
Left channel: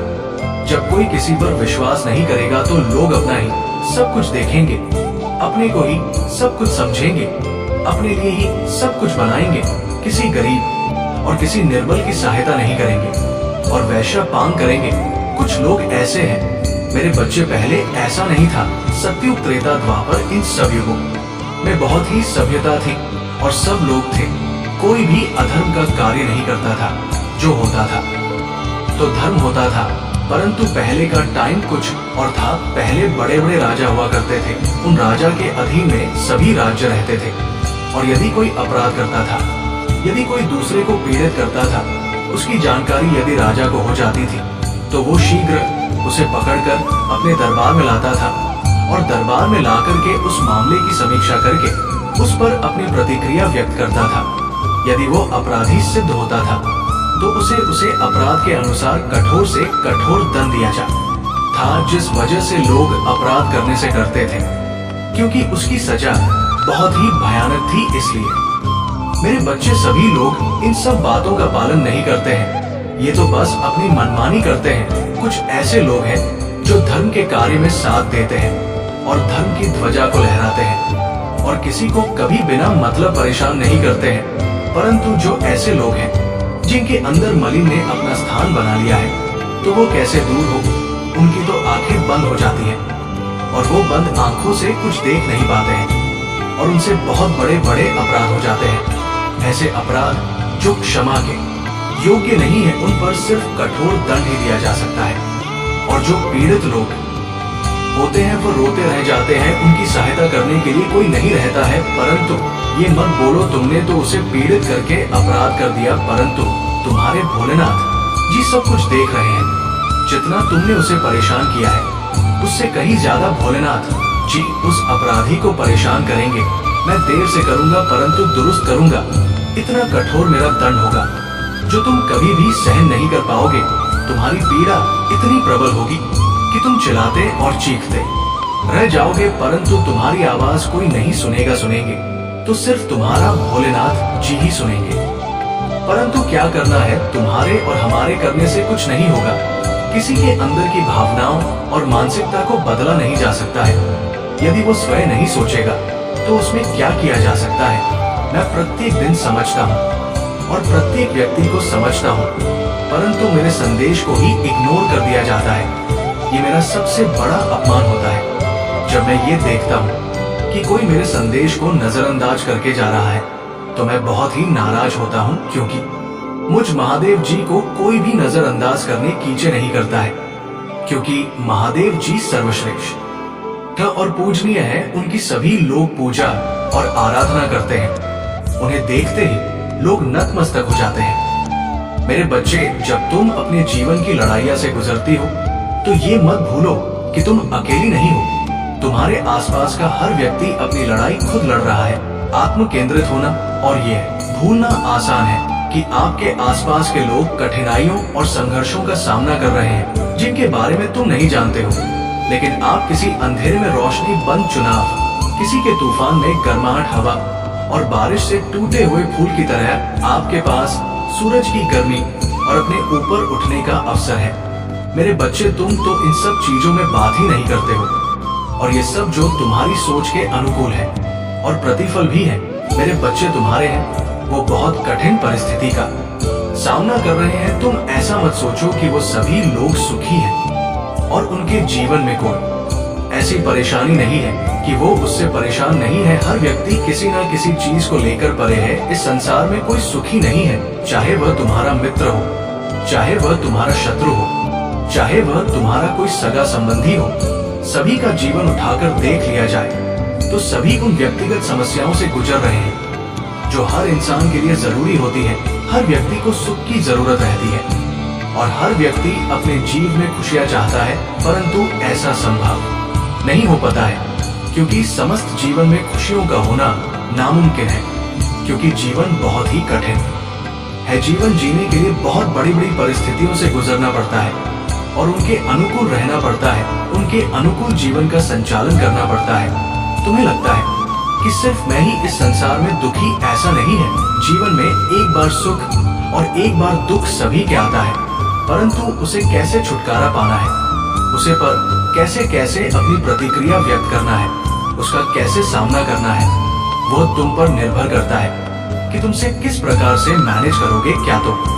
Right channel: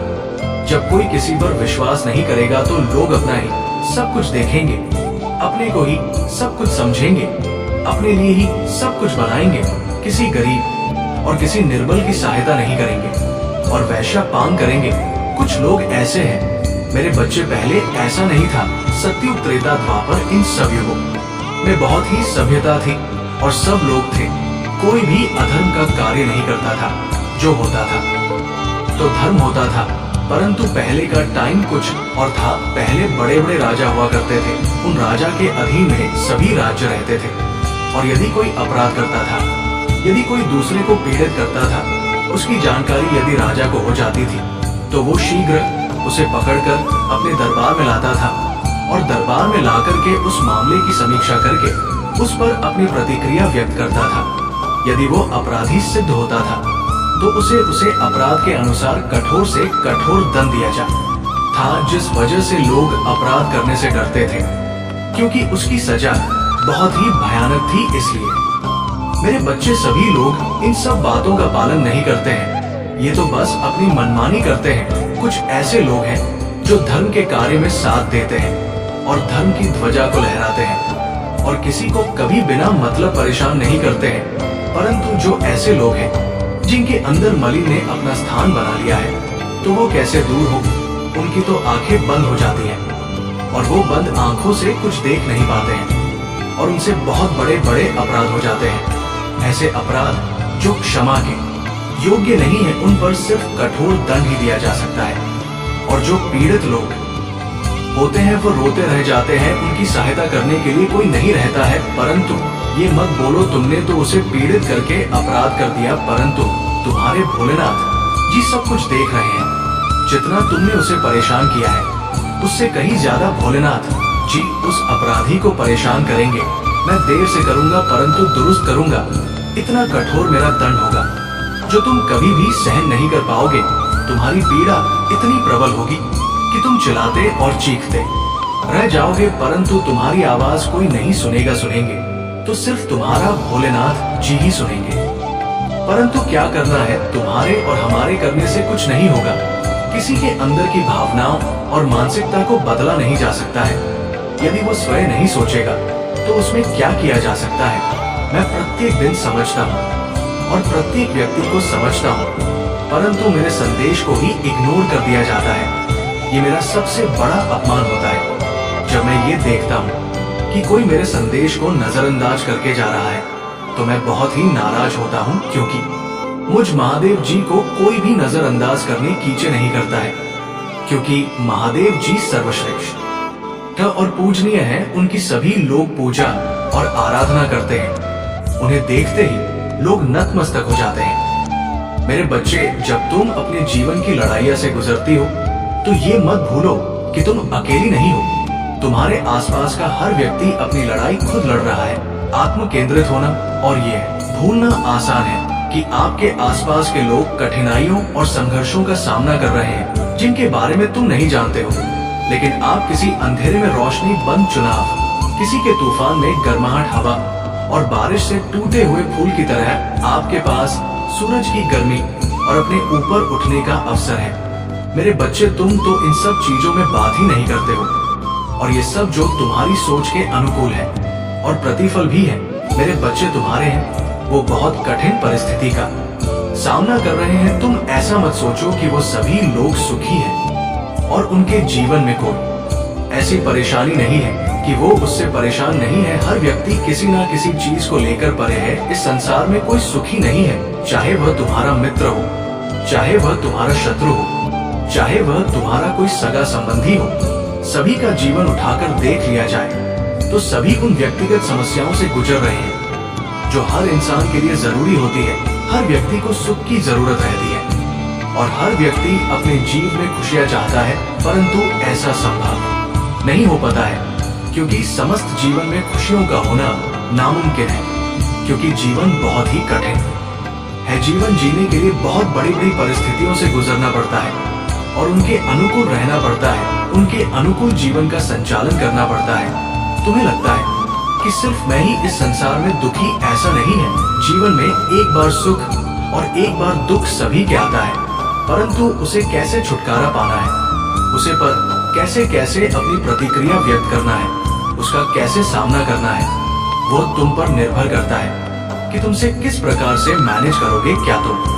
जब कोई किसी पर विश्वास नहीं करेगा तो लोग अपना ही सब कुछ देखेंगे, अपने को ही सब कुछ समझेंगे, अपने लिए ही सब कुछ बनाएंगे, किसी गरीब और किसी निर्बल की सहायता नहीं करेंगे और वैश्य पांग करेंगे। कुछ लोग ऐसे हैं, मेरे बच्चे, पहले ऐसा नहीं था। सतयुग, त्रेता, द्वापर, इन सब युगों में बहुत ही सभ्यता थी और सब लोग थे। कोई भी अधर्म का कार्य नहीं करता था। जो होता था तो धर्म होता था। परंतु पहले का टाइम कुछ और था। पहले बड़े बड़े राजा हुआ करते थे। उन राजा के अधीन में सभी राज्य रहते थे, और यदि कोई अपराध करता था, यदि कोई दूसरे को पीड़ित करता था, उसकी जानकारी यदि राजा को हो जाती थी तो वो शीघ्र उसे पकड़कर अपने दरबार में लाता था और दरबार में लाकर के उस मामले की समीक्षा करके उस पर अपनी प्रतिक्रिया व्यक्त करता था। यदि वो अपराधी सिद्ध होता था तो उसे अपराध के अनुसार कठोर से कठोर दंड दिया जाता था, जिस वजह से लोग अपराध करने से डरते थे, क्योंकि उसकी सजा बहुत ही भयानक थी। इसलिए मेरे बच्चे, सभी लोग इन सब बातों का पालन नहीं करते हैं। ये तो बस अपनी मनमानी करते हैं। कुछ ऐसे लोग हैं जो धर्म के कार्य में साथ देते हैं और धर्म की ध्वजा को लहराते हैं और किसी को कभी बिना मतलब परेशान नहीं करते हैं। परंतु जो ऐसे लोग हैं जिनके अंदर मलिन ने अपना स्थान बना लिया है, तो वो कैसे दूर हो। उनकी तो आंखें बंद हो जाती हैं और वो बंद आंखों से कुछ देख नहीं पाते हैं और उनसे बहुत बड़े बड़े अपराध हो जाते हैं। ऐसे अपराध जो क्षमा के योग्य नहीं है, उन पर सिर्फ कठोर दंड ही दिया जा सकता है। और जो पीड़ित लोग होते हैं वो रोते रह जाते हैं, उनकी सहायता करने के लिए कोई नहीं रहता है। परंतु ये मत बोलो तुमने तो उसे पीड़ित करके अपराध कर दिया, परंतु तुम्हारे भोलेनाथ जी सब कुछ देख रहे हैं। जितना तुमने उसे परेशान किया है, उससे कहीं ज्यादा भोलेनाथ जी उस अपराधी को परेशान करेंगे। मैं देर से करूंगा परंतु दुरुस्त करूंगा। इतना कठोर मेरा दंड होगा जो तुम कभी भी सहन नहीं कर पाओगे। तुम्हारी पीड़ा इतनी प्रबल होगी कि तुम चिल्लाते और चीखते रह जाओगे, परंतु तुम्हारी आवाज कोई नहीं सुनेंगे तो सिर्फ तुम्हारा भोलेनाथ जी ही सुनेंगे। परंतु क्या करना है, तुम्हारे और हमारे करने से कुछ नहीं होगा। किसी के अंदर की भावनाओं और मानसिकता को बदला नहीं जा सकता है। यदि वो स्वयं नहीं सोचेगा तो उसमें क्या किया जा सकता है। मैं प्रत्येक दिन समझता हूँ और प्रत्येक व्यक्ति को समझता हूँ, परंतु मेरे संदेश को ही इग्नोर कर दिया जाता है। ये मेरा सबसे बड़ा अपमान होता है। जब मैं ये देखता हूँ कि कोई मेरे संदेश को नजरअंदाज करके जा रहा है तो मैं बहुत ही नाराज होता हूँ, क्योंकि मुझ महादेव जी को कोई भी नजरअंदाज करने कीचे नहीं करता है, क्योंकि महादेव जी सर्वश्रेष्ठ और पूजनीय हैं। उनकी सभी लोग पूजा और आराधना करते हैं। उन्हें देखते ही लोग नतमस्तक हो जाते हैं। मेरे बच्चे, जब तुम अपने जीवन की लड़ाइयां से गुजरती हो तो ये मत भूलो कि तुम अकेली नहीं हो। तुम्हारे आसपास का हर व्यक्ति अपनी लड़ाई खुद लड़ रहा है। आत्म केंद्रित होना और ये भूलना आसान है कि आपके आसपास के लोग कठिनाइयों और संघर्षों का सामना कर रहे हैं जिनके बारे में तुम नहीं जानते हो। लेकिन आप किसी अंधेरे में रोशनी बंद चुनाव, किसी के तूफान में गर्माहट हवा और बारिश से टूटे हुए फूल की तरह आपके पास सूरज की गर्मी और अपने ऊपर उठने का अवसर है। मेरे बच्चे, तुम तो इन सब चीजों में बात ही नहीं करते हो, और ये सब जो तुम्हारी सोच के अनुकूल है और प्रतिफल भी है। मेरे बच्चे तुम्हारे हैं वो बहुत कठिन परिस्थिति का सामना कर रहे हैं, तुम ऐसा मत सोचो कि वो सभी लोग सुखी हैं और उनके जीवन में कोई ऐसी परेशानी नहीं है कि वो उससे परेशान नहीं है। हर व्यक्ति किसी न किसी चीज को लेकर परे है। इस संसार में कोई सुखी नहीं है, चाहे वह तुम्हारा मित्र हो, चाहे वह तुम्हारा शत्रु हो, चाहे वह तुम्हारा कोई सगा संबंधी हो। सभी का जीवन उठाकर देख लिया जाए तो सभी उन व्यक्तिगत समस्याओं से गुजर रहे हैं जो हर इंसान के लिए जरूरी होती है। हर व्यक्ति को सुख की जरूरत रहती है और हर व्यक्ति अपने जीवन में खुशियां चाहता है, परंतु ऐसा संभव नहीं हो पाता है क्योंकि समस्त जीवन में खुशियों का होना नामुमकिन है, क्योंकि जीवन बहुत ही कठिन है। जीवन जीने के लिए बहुत बड़ी बड़ी परिस्थितियों से गुजरना पड़ता है और उनके अनुकूल रहना पड़ता है, उनके अनुकूल जीवन का संचालन करना पड़ता है। तुम्हें लगता है कि सिर्फ मैं ही इस संसार में दुखी, ऐसा नहीं है। जीवन में एक बार सुख और एक बार दुख सभी के आता है, परंतु उसे कैसे छुटकारा पाना है, उसे पर कैसे कैसे अपनी प्रतिक्रिया व्यक्त करना है, उसका कैसे सामना करना है, वो तुम पर निर्भर करता है कि तुमसे किस प्रकार से मैनेज करोगे। क्या तुम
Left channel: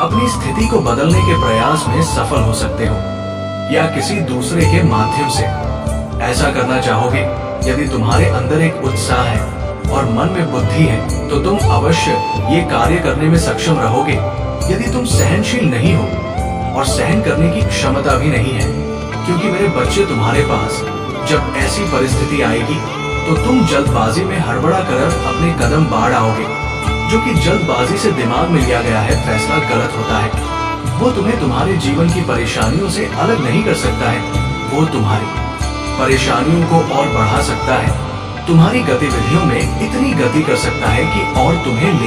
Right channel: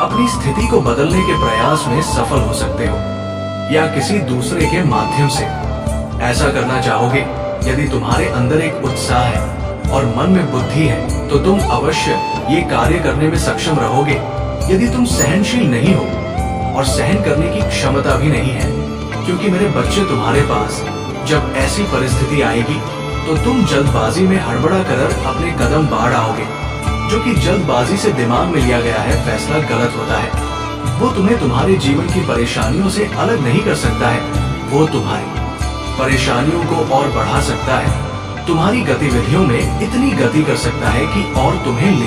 अपनी स्थिति को बदलने के प्रयास में सफल हो सकते हो या किसी दूसरे के माध्यम से ऐसा करना चाहोगे। यदि तुम्हारे अंदर एक उत्साह है और मन में बुद्धि है तो तुम अवश्य ये कार्य करने में सक्षम रहोगे। यदि तुम सहनशील नहीं हो और सहन करने की क्षमता भी नहीं है, क्योंकि मेरे बच्चे तुम्हारे पास जब ऐसी परिस्थिति आएगी तो तुम जल्दबाजी में हड़बड़ा कर अपने कदम बाढ़ आओगे। जो कि जल्दबाजी से दिमाग में लिया गया है फैसला गलत होता है। वो तुम्हें तुम्हारे जीवन की परेशानियों से अलग नहीं कर सकता है, वो तुम्हारी परेशानियों को और बढ़ा सकता है। तुम्हारी गतिविधियों में इतनी गति कर सकता है कि और तुम्हें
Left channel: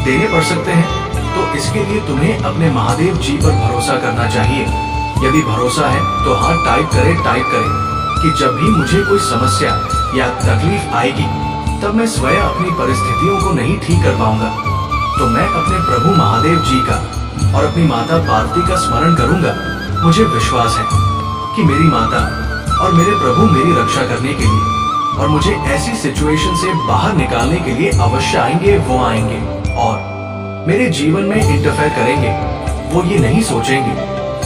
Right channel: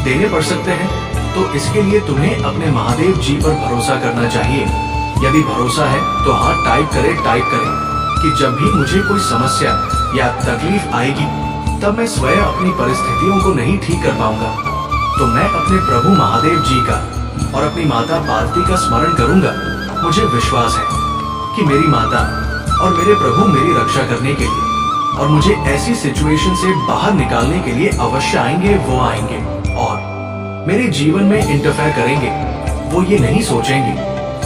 देने पड़ सकते हैं। तो इसके लिए तुम्हें अपने महादेव जी पर भरोसा करना चाहिए। यदि भरोसा है तो हाँ टाइप करें कि जब भी मुझे कोई समस्या या तकलीफ आएगी तब मैं स्वयं अपनी परिस्थितियों को नहीं ठीक कर पाऊंगा, तो मैं अपने प्रभु महादेव जी का और अपनी माता पार्वती का स्मरण करूंगा। मुझे विश्वास है कि मेरी माता और मेरे प्रभु मेरी रक्षा करने के लिए और मुझे ऐसी सिचुएशन से बाहर निकालने के लिए अवश्य आएंगे। वो आएंगे और मेरे जीवन में इंटरफेयर करेंगे। वो ये नहीं सोचेंगे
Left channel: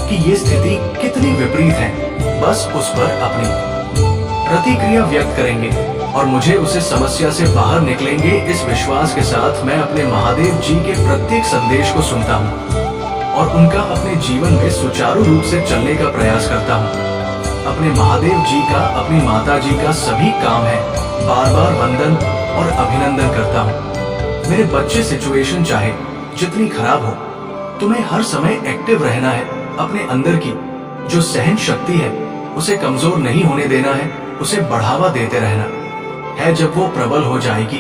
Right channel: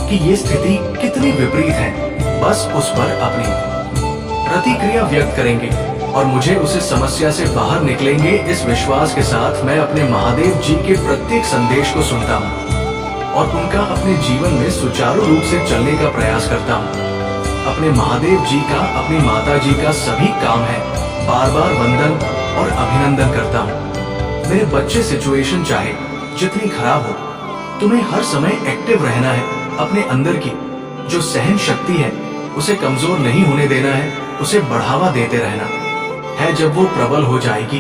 कि ये स्थिति कितनी विपरीत है, बस उस पर अपनी प्रतिक्रिया व्यक्त करेंगे और मुझे उसे समस्या से बाहर निकलेंगे। इस विश्वास के साथ मैं अपने महादेव जी के प्रत्येक संदेश को सुनता हूँ और उनका अपने जीवन में सुचारू रूप से चलने का प्रयास करता हूँ। अपने महादेव जी का, अपनी माता जी का सभी काम है बार बार वंदन और अभिनंदन करता हूँ। मेरे बच्चे सिचुएशन चाहे जितनी खराब हो, तुम्हें हर समय एक्टिव रहना है। अपने अंदर की जो सहन शक्ति है उसे कमजोर नहीं होने देना है, उसे बढ़ावा देते रहना है। जब वो प्रबल हो जाएगी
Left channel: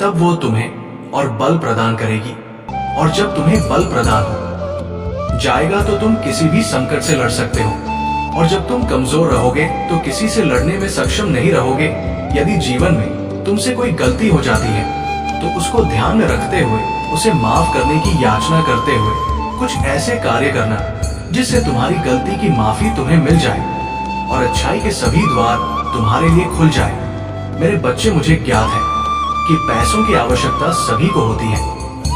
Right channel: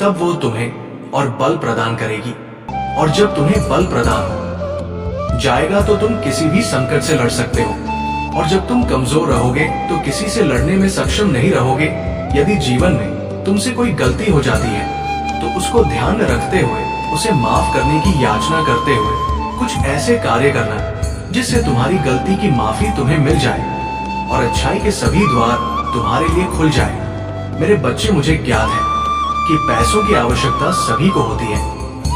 तब वो तुम्हें और बल प्रदान करेगी, और जब तुम्हें बल प्रदान हो जाएगा तो तुम किसी भी संकट से लड़ सकते हो। और जब तुम कमजोर रहोगे तो किसी से लड़ने में सक्षम नहीं रहोगे। यदि जीवन में तुमसे कोई गलती हो जाती है तो उसको ध्यान में रखते हुए उसे माफ करने की याचना करते हुए कुछ ऐसे कार्य करना जिससे तुम्हारी गलती की माफी तुम्हें मिल जाए और अच्छाई के सभी द्वार तुम्हारे लिए खुल जाए। मेरे बच्चे, मुझे ज्ञात है कि पैसों की आवश्यकता सभी को होती है,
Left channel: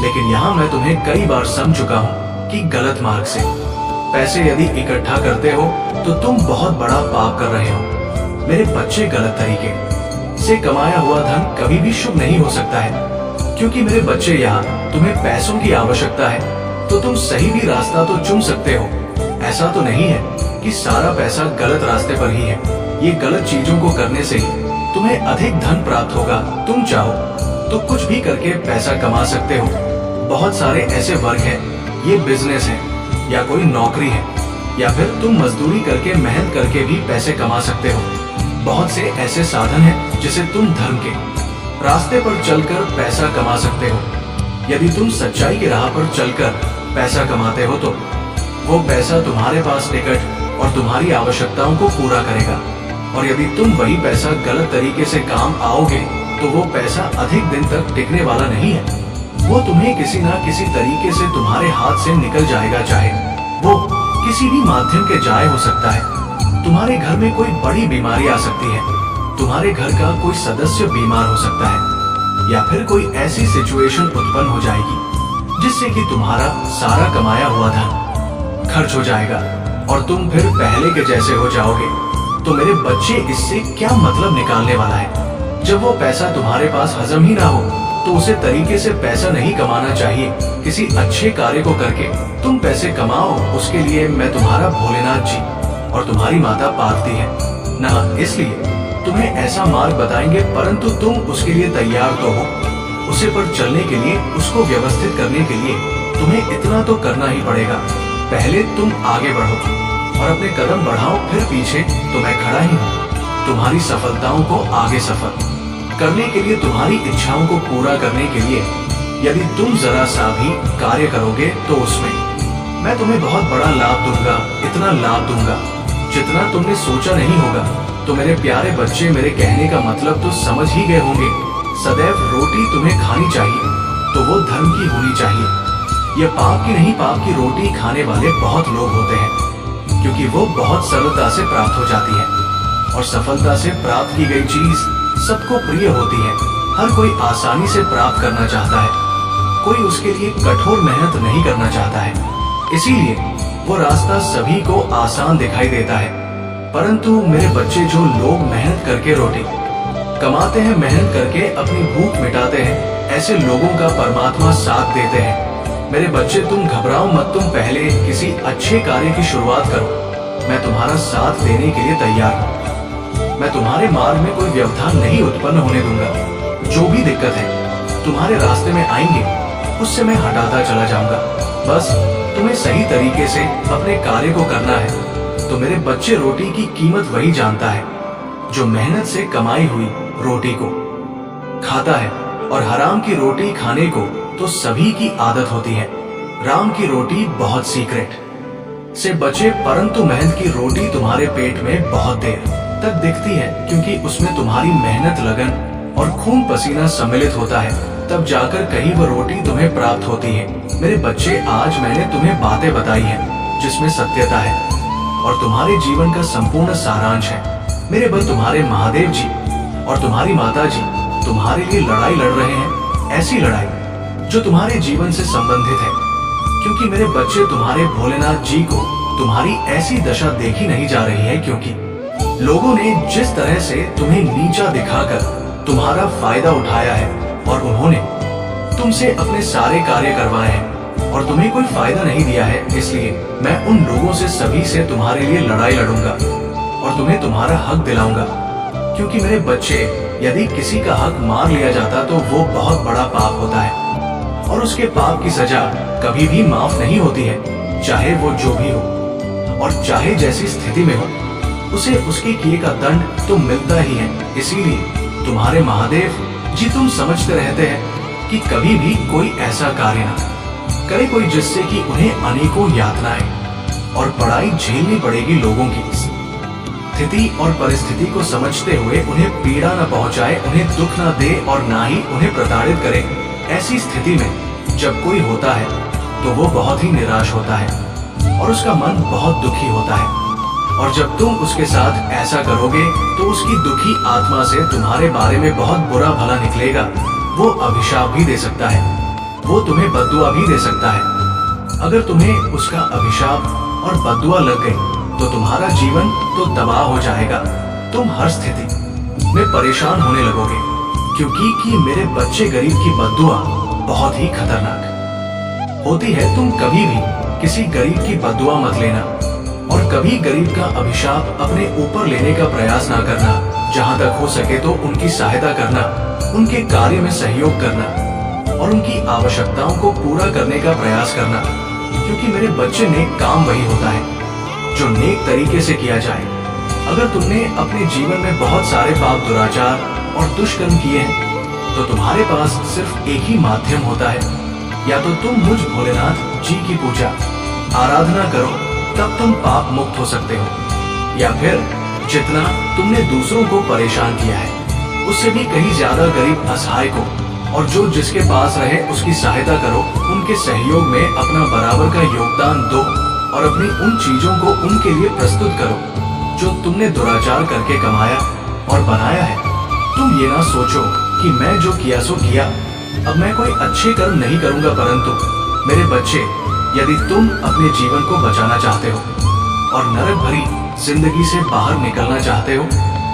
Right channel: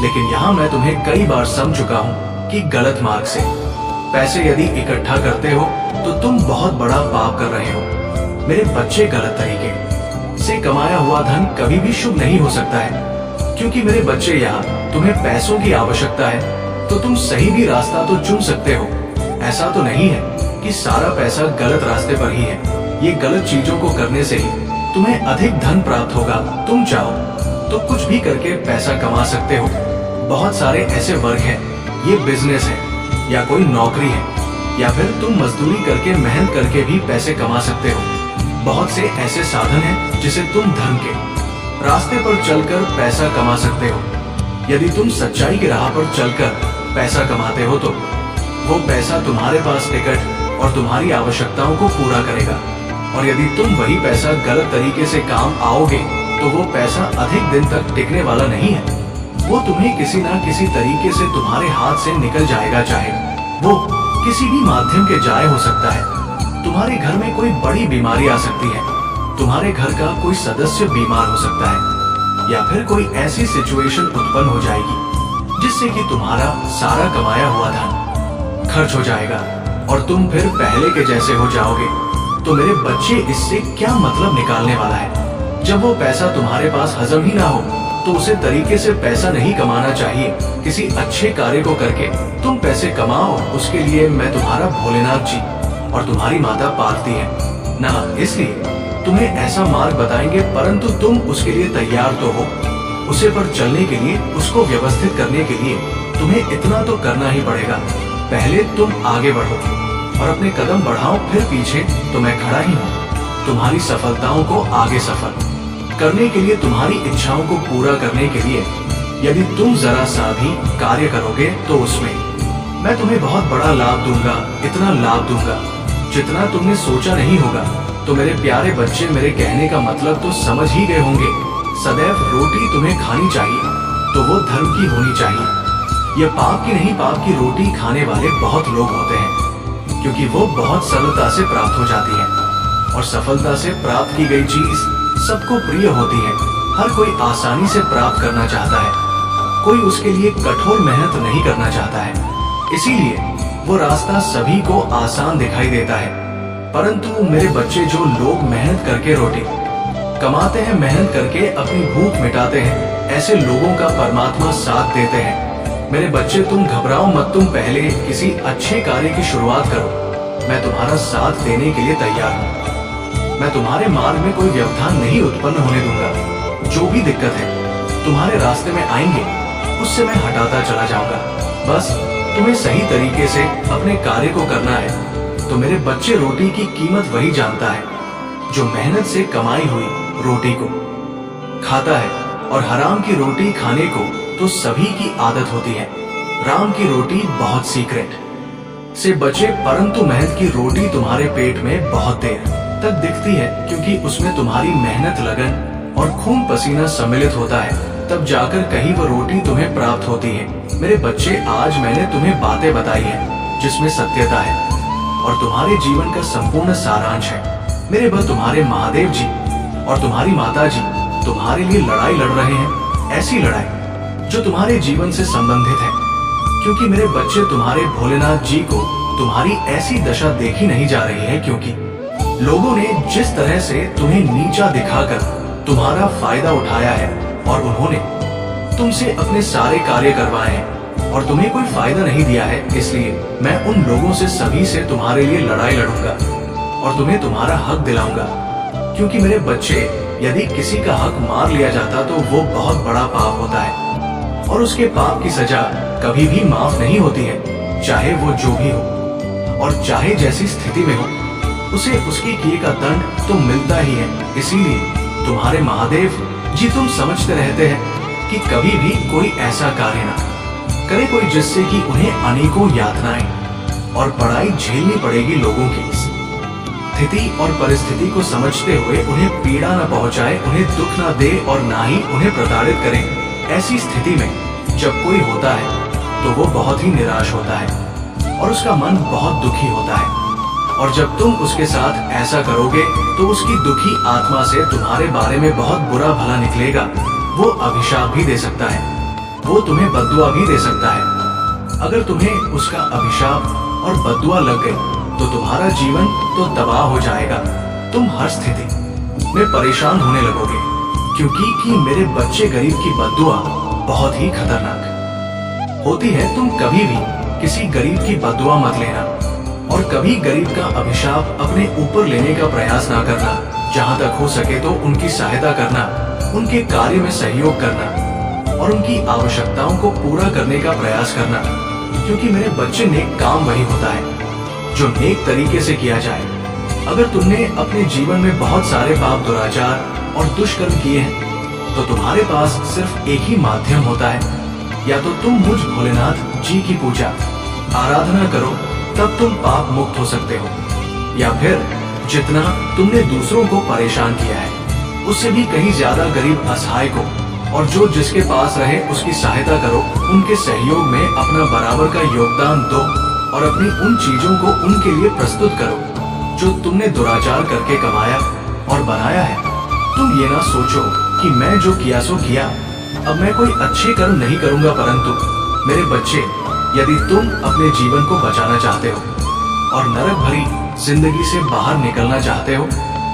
लेकिन यहाँ मैं तुम्हें कई बार समझ चुका हूँ कि गलत मार्ग से पैसे यदि इकट्ठा करते हो तो तुम बहुत बड़ा पाप कर रहे हो। मेरे बच्चे, गलत तरीके से कमाया हुआ धन कभी भी शुभ नहीं हो सकता है, क्योंकि मेरे बच्चे यहाँ तुम्हें पैसों की आवश्यकता है तो तुम सही भी रास्ता तो चुन सकते हो। ऐसा तो नहीं है कि सारा पैसा गलत रास्ते पर ही है। ये गलत चीजों को करने से ही तुम्हें अधिक धन प्राप्त होगा। तुम चाहो तो कुछ भी करके पैसा कमा सकते हो। बहुत सारे ऐसे वर्ग हैं, ये बिजनेस है या कोई नौकरी है, या फिर तुम मजदूरी करके मेहनत करके भी पैसे कमा सकते हो। बहुत से ऐसे साधन हैं जिसे तुम धर्म के रास्ते पर चलकर पैसा कमा सकते हो। यदि तुम सच्चाई की राह पर चलकर पैसा कमाते हो तो वो पैसा तुम्हारे पास टिकट और तुम्हारी आवश्यकताओं को पूरा करेगा, और यदि तुम वही पैसा गलत तरीके से काम आओगे तो वो पैसा अधिक दिन तक टिकने वाला नहीं है। वो तुम्हें किसी ना किसी तरीके से तुम्हारे हाथ से निकल जाएगा, चाहे वो किसी भी माध्यम के जाए हो सकता है। तुम्हारे घर में कोई बड़ी बीमारी आ सकती है, तुम्हारे घर का कोई सदस्य बीमार हो सकता है, या फिर कोई ऐसी सिचुएशन उत्पन्न हो जाएगी जिससे कि तुम्हारा सारा कमाया हुआ धन खर्च हो जाएगा और तुम फिर पहले के जैसे हो जाओगे। तो मेरे बच्चे, इससे क्या मतलब निकालने वाला है? जब वो पैसा तुम्हारे पास हजम ही ना हो तो उसे तरीके से पैसा नहीं कमाना चाहिए। किसी अच्छे कार्य को करके तुम पैसे कमाओ, उसके लिए मैं तुम्हारा भोलेनाथ जी और तुम्हारी माता पार्वती है ना, इसलिए तुम्हें ऐसा मार्ग बताएंगे, परंतु तुम उसके लिए तैयार तो हो। उसे पर चलने के लिए, उसको व्यवस्थित करने के लिए तुम्हें इतना तो करना ही पड़ेगा। पहले तुम आगे बढ़ो और अपने कदम बढ़ाओ, फिर पीछे तो मैं खड़ा ही हूँ। तुम्हारी सफलताओं को आगे सफल करने के लिए, तुम्हारी इच्छाओं को पूरा करने के लिए यदि तुम जरा सा भी कार्य करोगे तो उसमें मैं तुम्हें बहुत बड़ा लाभ दूंगा, इतना लाभ दूंगा जितना तुमने सोचा नहीं होगा। तो मेरे प्यारे बच्चे, मेरे कहने का मतलब तो समझ ही गए होंगे। सदैव रोटी तुम्हें खानी चाहिए, तो वो धर्म की होनी चाहिए। यह पाप की नहीं, पाप की रोटी खाने वाले बहुत लोग होते हैं, क्योंकि वो बहुत सरलता से प्राप्त हो जाती है और सफलता से प्राप्त की गई चीज सबको प्रिय होती है। हर कोई आसानी से प्राप्त करना चाहता है, कोई उसके लिए कठोर मेहनत नहीं करना चाहता है। इसीलिए वो रास्ता सभी को आसान दिखाई देता है। परंतु मेरे बच्चे, जो लोग मेहनत करके रोटी कमाते हैं, मेहनत करके अपनी भूख मिटाते हैं, ऐसे लोगों का परमात्मा साथ देते हैं। मेरे बच्चे, तुम घबराओ मत, तुम पहले किसी अच्छे कार्य की शुरुआत करो। मैं तुम्हारा साथ देने के लिए तैयार हूँ। मैं तुम्हारे मार्ग में कोई व्यवधान नहीं उत्पन्न होने दूंगा। जो भी दिक्कत है तुम्हारे रास्ते में आएंगे, उससे मैं हटाता चला जाऊंगा। बस तुम्हें सही तरीके से अपने कार्य को करना है। तो मेरे बच्चे, रोटी की कीमत वही जानता है जो मेहनत से कमाई हुई रोटी को खाता है, और हराम की रोटी खाने को तो सभी की आदत होती है। राम की रोटी बहुत सीक्रेट से बचे, परंतु मेहनत की रोटी तुम्हारे पेट में बहुत देर तक दिखती है, क्योंकि उसमें तुम्हारी मेहनत, लगन और खून पसीना सम्मिलित होता है। तब जाकर कहीं वो रोटी तुम्हें प्राप्त होती है। मेरे बच्चे, आज मैंने तुम्हें बातें बताई है जिसमें सत्यता है और तुम्हारे जीवन का संपूर्ण सारांश है। मेरे बल, तुम्हारे महादेव जी और तुम्हारी माता जी तुम्हारे लिए लड़ाई लड़ रहे हैं, ऐसी लड़ाई जो तुम्हारे जीवन से संबंधित है, क्योंकि मेरे बच्चे, तुम्हारे भोलेनाथ जी को तुम्हारी ऐसी दशा देखी नहीं जा रही है, क्योंकि लोगों ने जिस तरह से तुम्हें नीचा दिखाकर तुम्हारा फायदा उठाया है और उन्होंने तुमसे अपने सारे कार्य करवाए हैं और तुम्हें कोई फायदा नहीं दिया है। इसलिए मैं उन लोगों से, सभी से तुम्हारे लिए लड़ाई लड़ूंगा और तुम्हें तुम्हारा हक दिलाऊंगा। क्योंकि मेरे बच्चे, यदि किसी का हक मार लिया जाता तो वो बहुत बड़ा पाप होता है और उसके पाप की सजा कभी भी माफ नहीं होती है, चाहे वो जो भी हो और चाहे जैसी स्थिति में हो, उसे उसके किए का दंड तो मिलता ही है। इसीलिए तुम्हारे महादेव जी, तुम समझते रहते हैं कि कभी भी कोई ऐसा कार्य ना करे कोई जिससे कि उन्हें अनेकों यातनाएं और पढ़ाई झेलनी पड़ेगी। लोगों की स्थिति और परिस्थिति को समझते हुए उन्हें पीड़ा न पहुंचाए, उन्हें दुख न दे और ना ही उन्हें प्रताड़ित करे। ऐसी स्थिति में जब कोई होता है तो वो बहुत ही निराश होता है और उसका मन बहुत दुखी होता है, और जब तुम उसके साथ ऐसा करोगे तो उसकी दुखी आत्मा से तुम्हारे बारे में बहुत बुरा भला निकलेगा। वो अभिशाप भी दे सकता है, वो तुम्हें बद्दुआ भी दे सकता है। अगर तुम्हें उसका अभिशाप और बद्दुआ लग गई तो तुम्हारा जीवन तो तबाह हो जाएगा। तुम हर स्थिति में परेशान होने लगोगे, क्योंकि मेरे बच्चे, गरीब की बद्दुआ बहुत ही खतरनाक होती है। तुम कभी भी किसी गरीब की बद्दुआ मत लेना और कभी गरीब का अभिशाप अपने ऊपर लेने का प्रयास ना करना। जहां तक हो सके तो उनकी सहायता करना, उनके कार्य में सहयोग करना और उनकी आवश्यकताओं को पूरा करने का प्रयास करना, क्योंकि मेरे बच्चे, नेक काम वही होता है जो नेक तरीके से किया जाए। अगर तुमने अपने जीवन में बहुत सारे पाप, दुराचार और दुष्कर्म किए हैं तो तुम्हारे पास सिर्फ एक ही माध्यम होता है, या तो तुम मुझ भोलेनाथ जी की पूजा आराधना करो, तब तुम पाप मुक्त हो सकते हो, या फिर जितना तुमने दूसरों को परेशान किया है उससे भी कहीं ज्यादा गरीब असहाय को और जो जिसके पास रहे उसकी सहायता करो। उनके सहयोग में अपना बराबर का योगदान दो और अपनी उन चीजों को उनके लिए प्रस्तुत करो जो तुमने दुराचार करके कमाया और बनाया है। तुम ये ना सोचो कि मैं जो किया सो किया, अब मैं कोई अच्छे कर्म नहीं करूंगा। परंतु मेरे बच्चे, यदि तुम अपने जीवन को बचाना चाहते हो और नरक भरी जिंदगी से बाहर निकलना चाहते हो,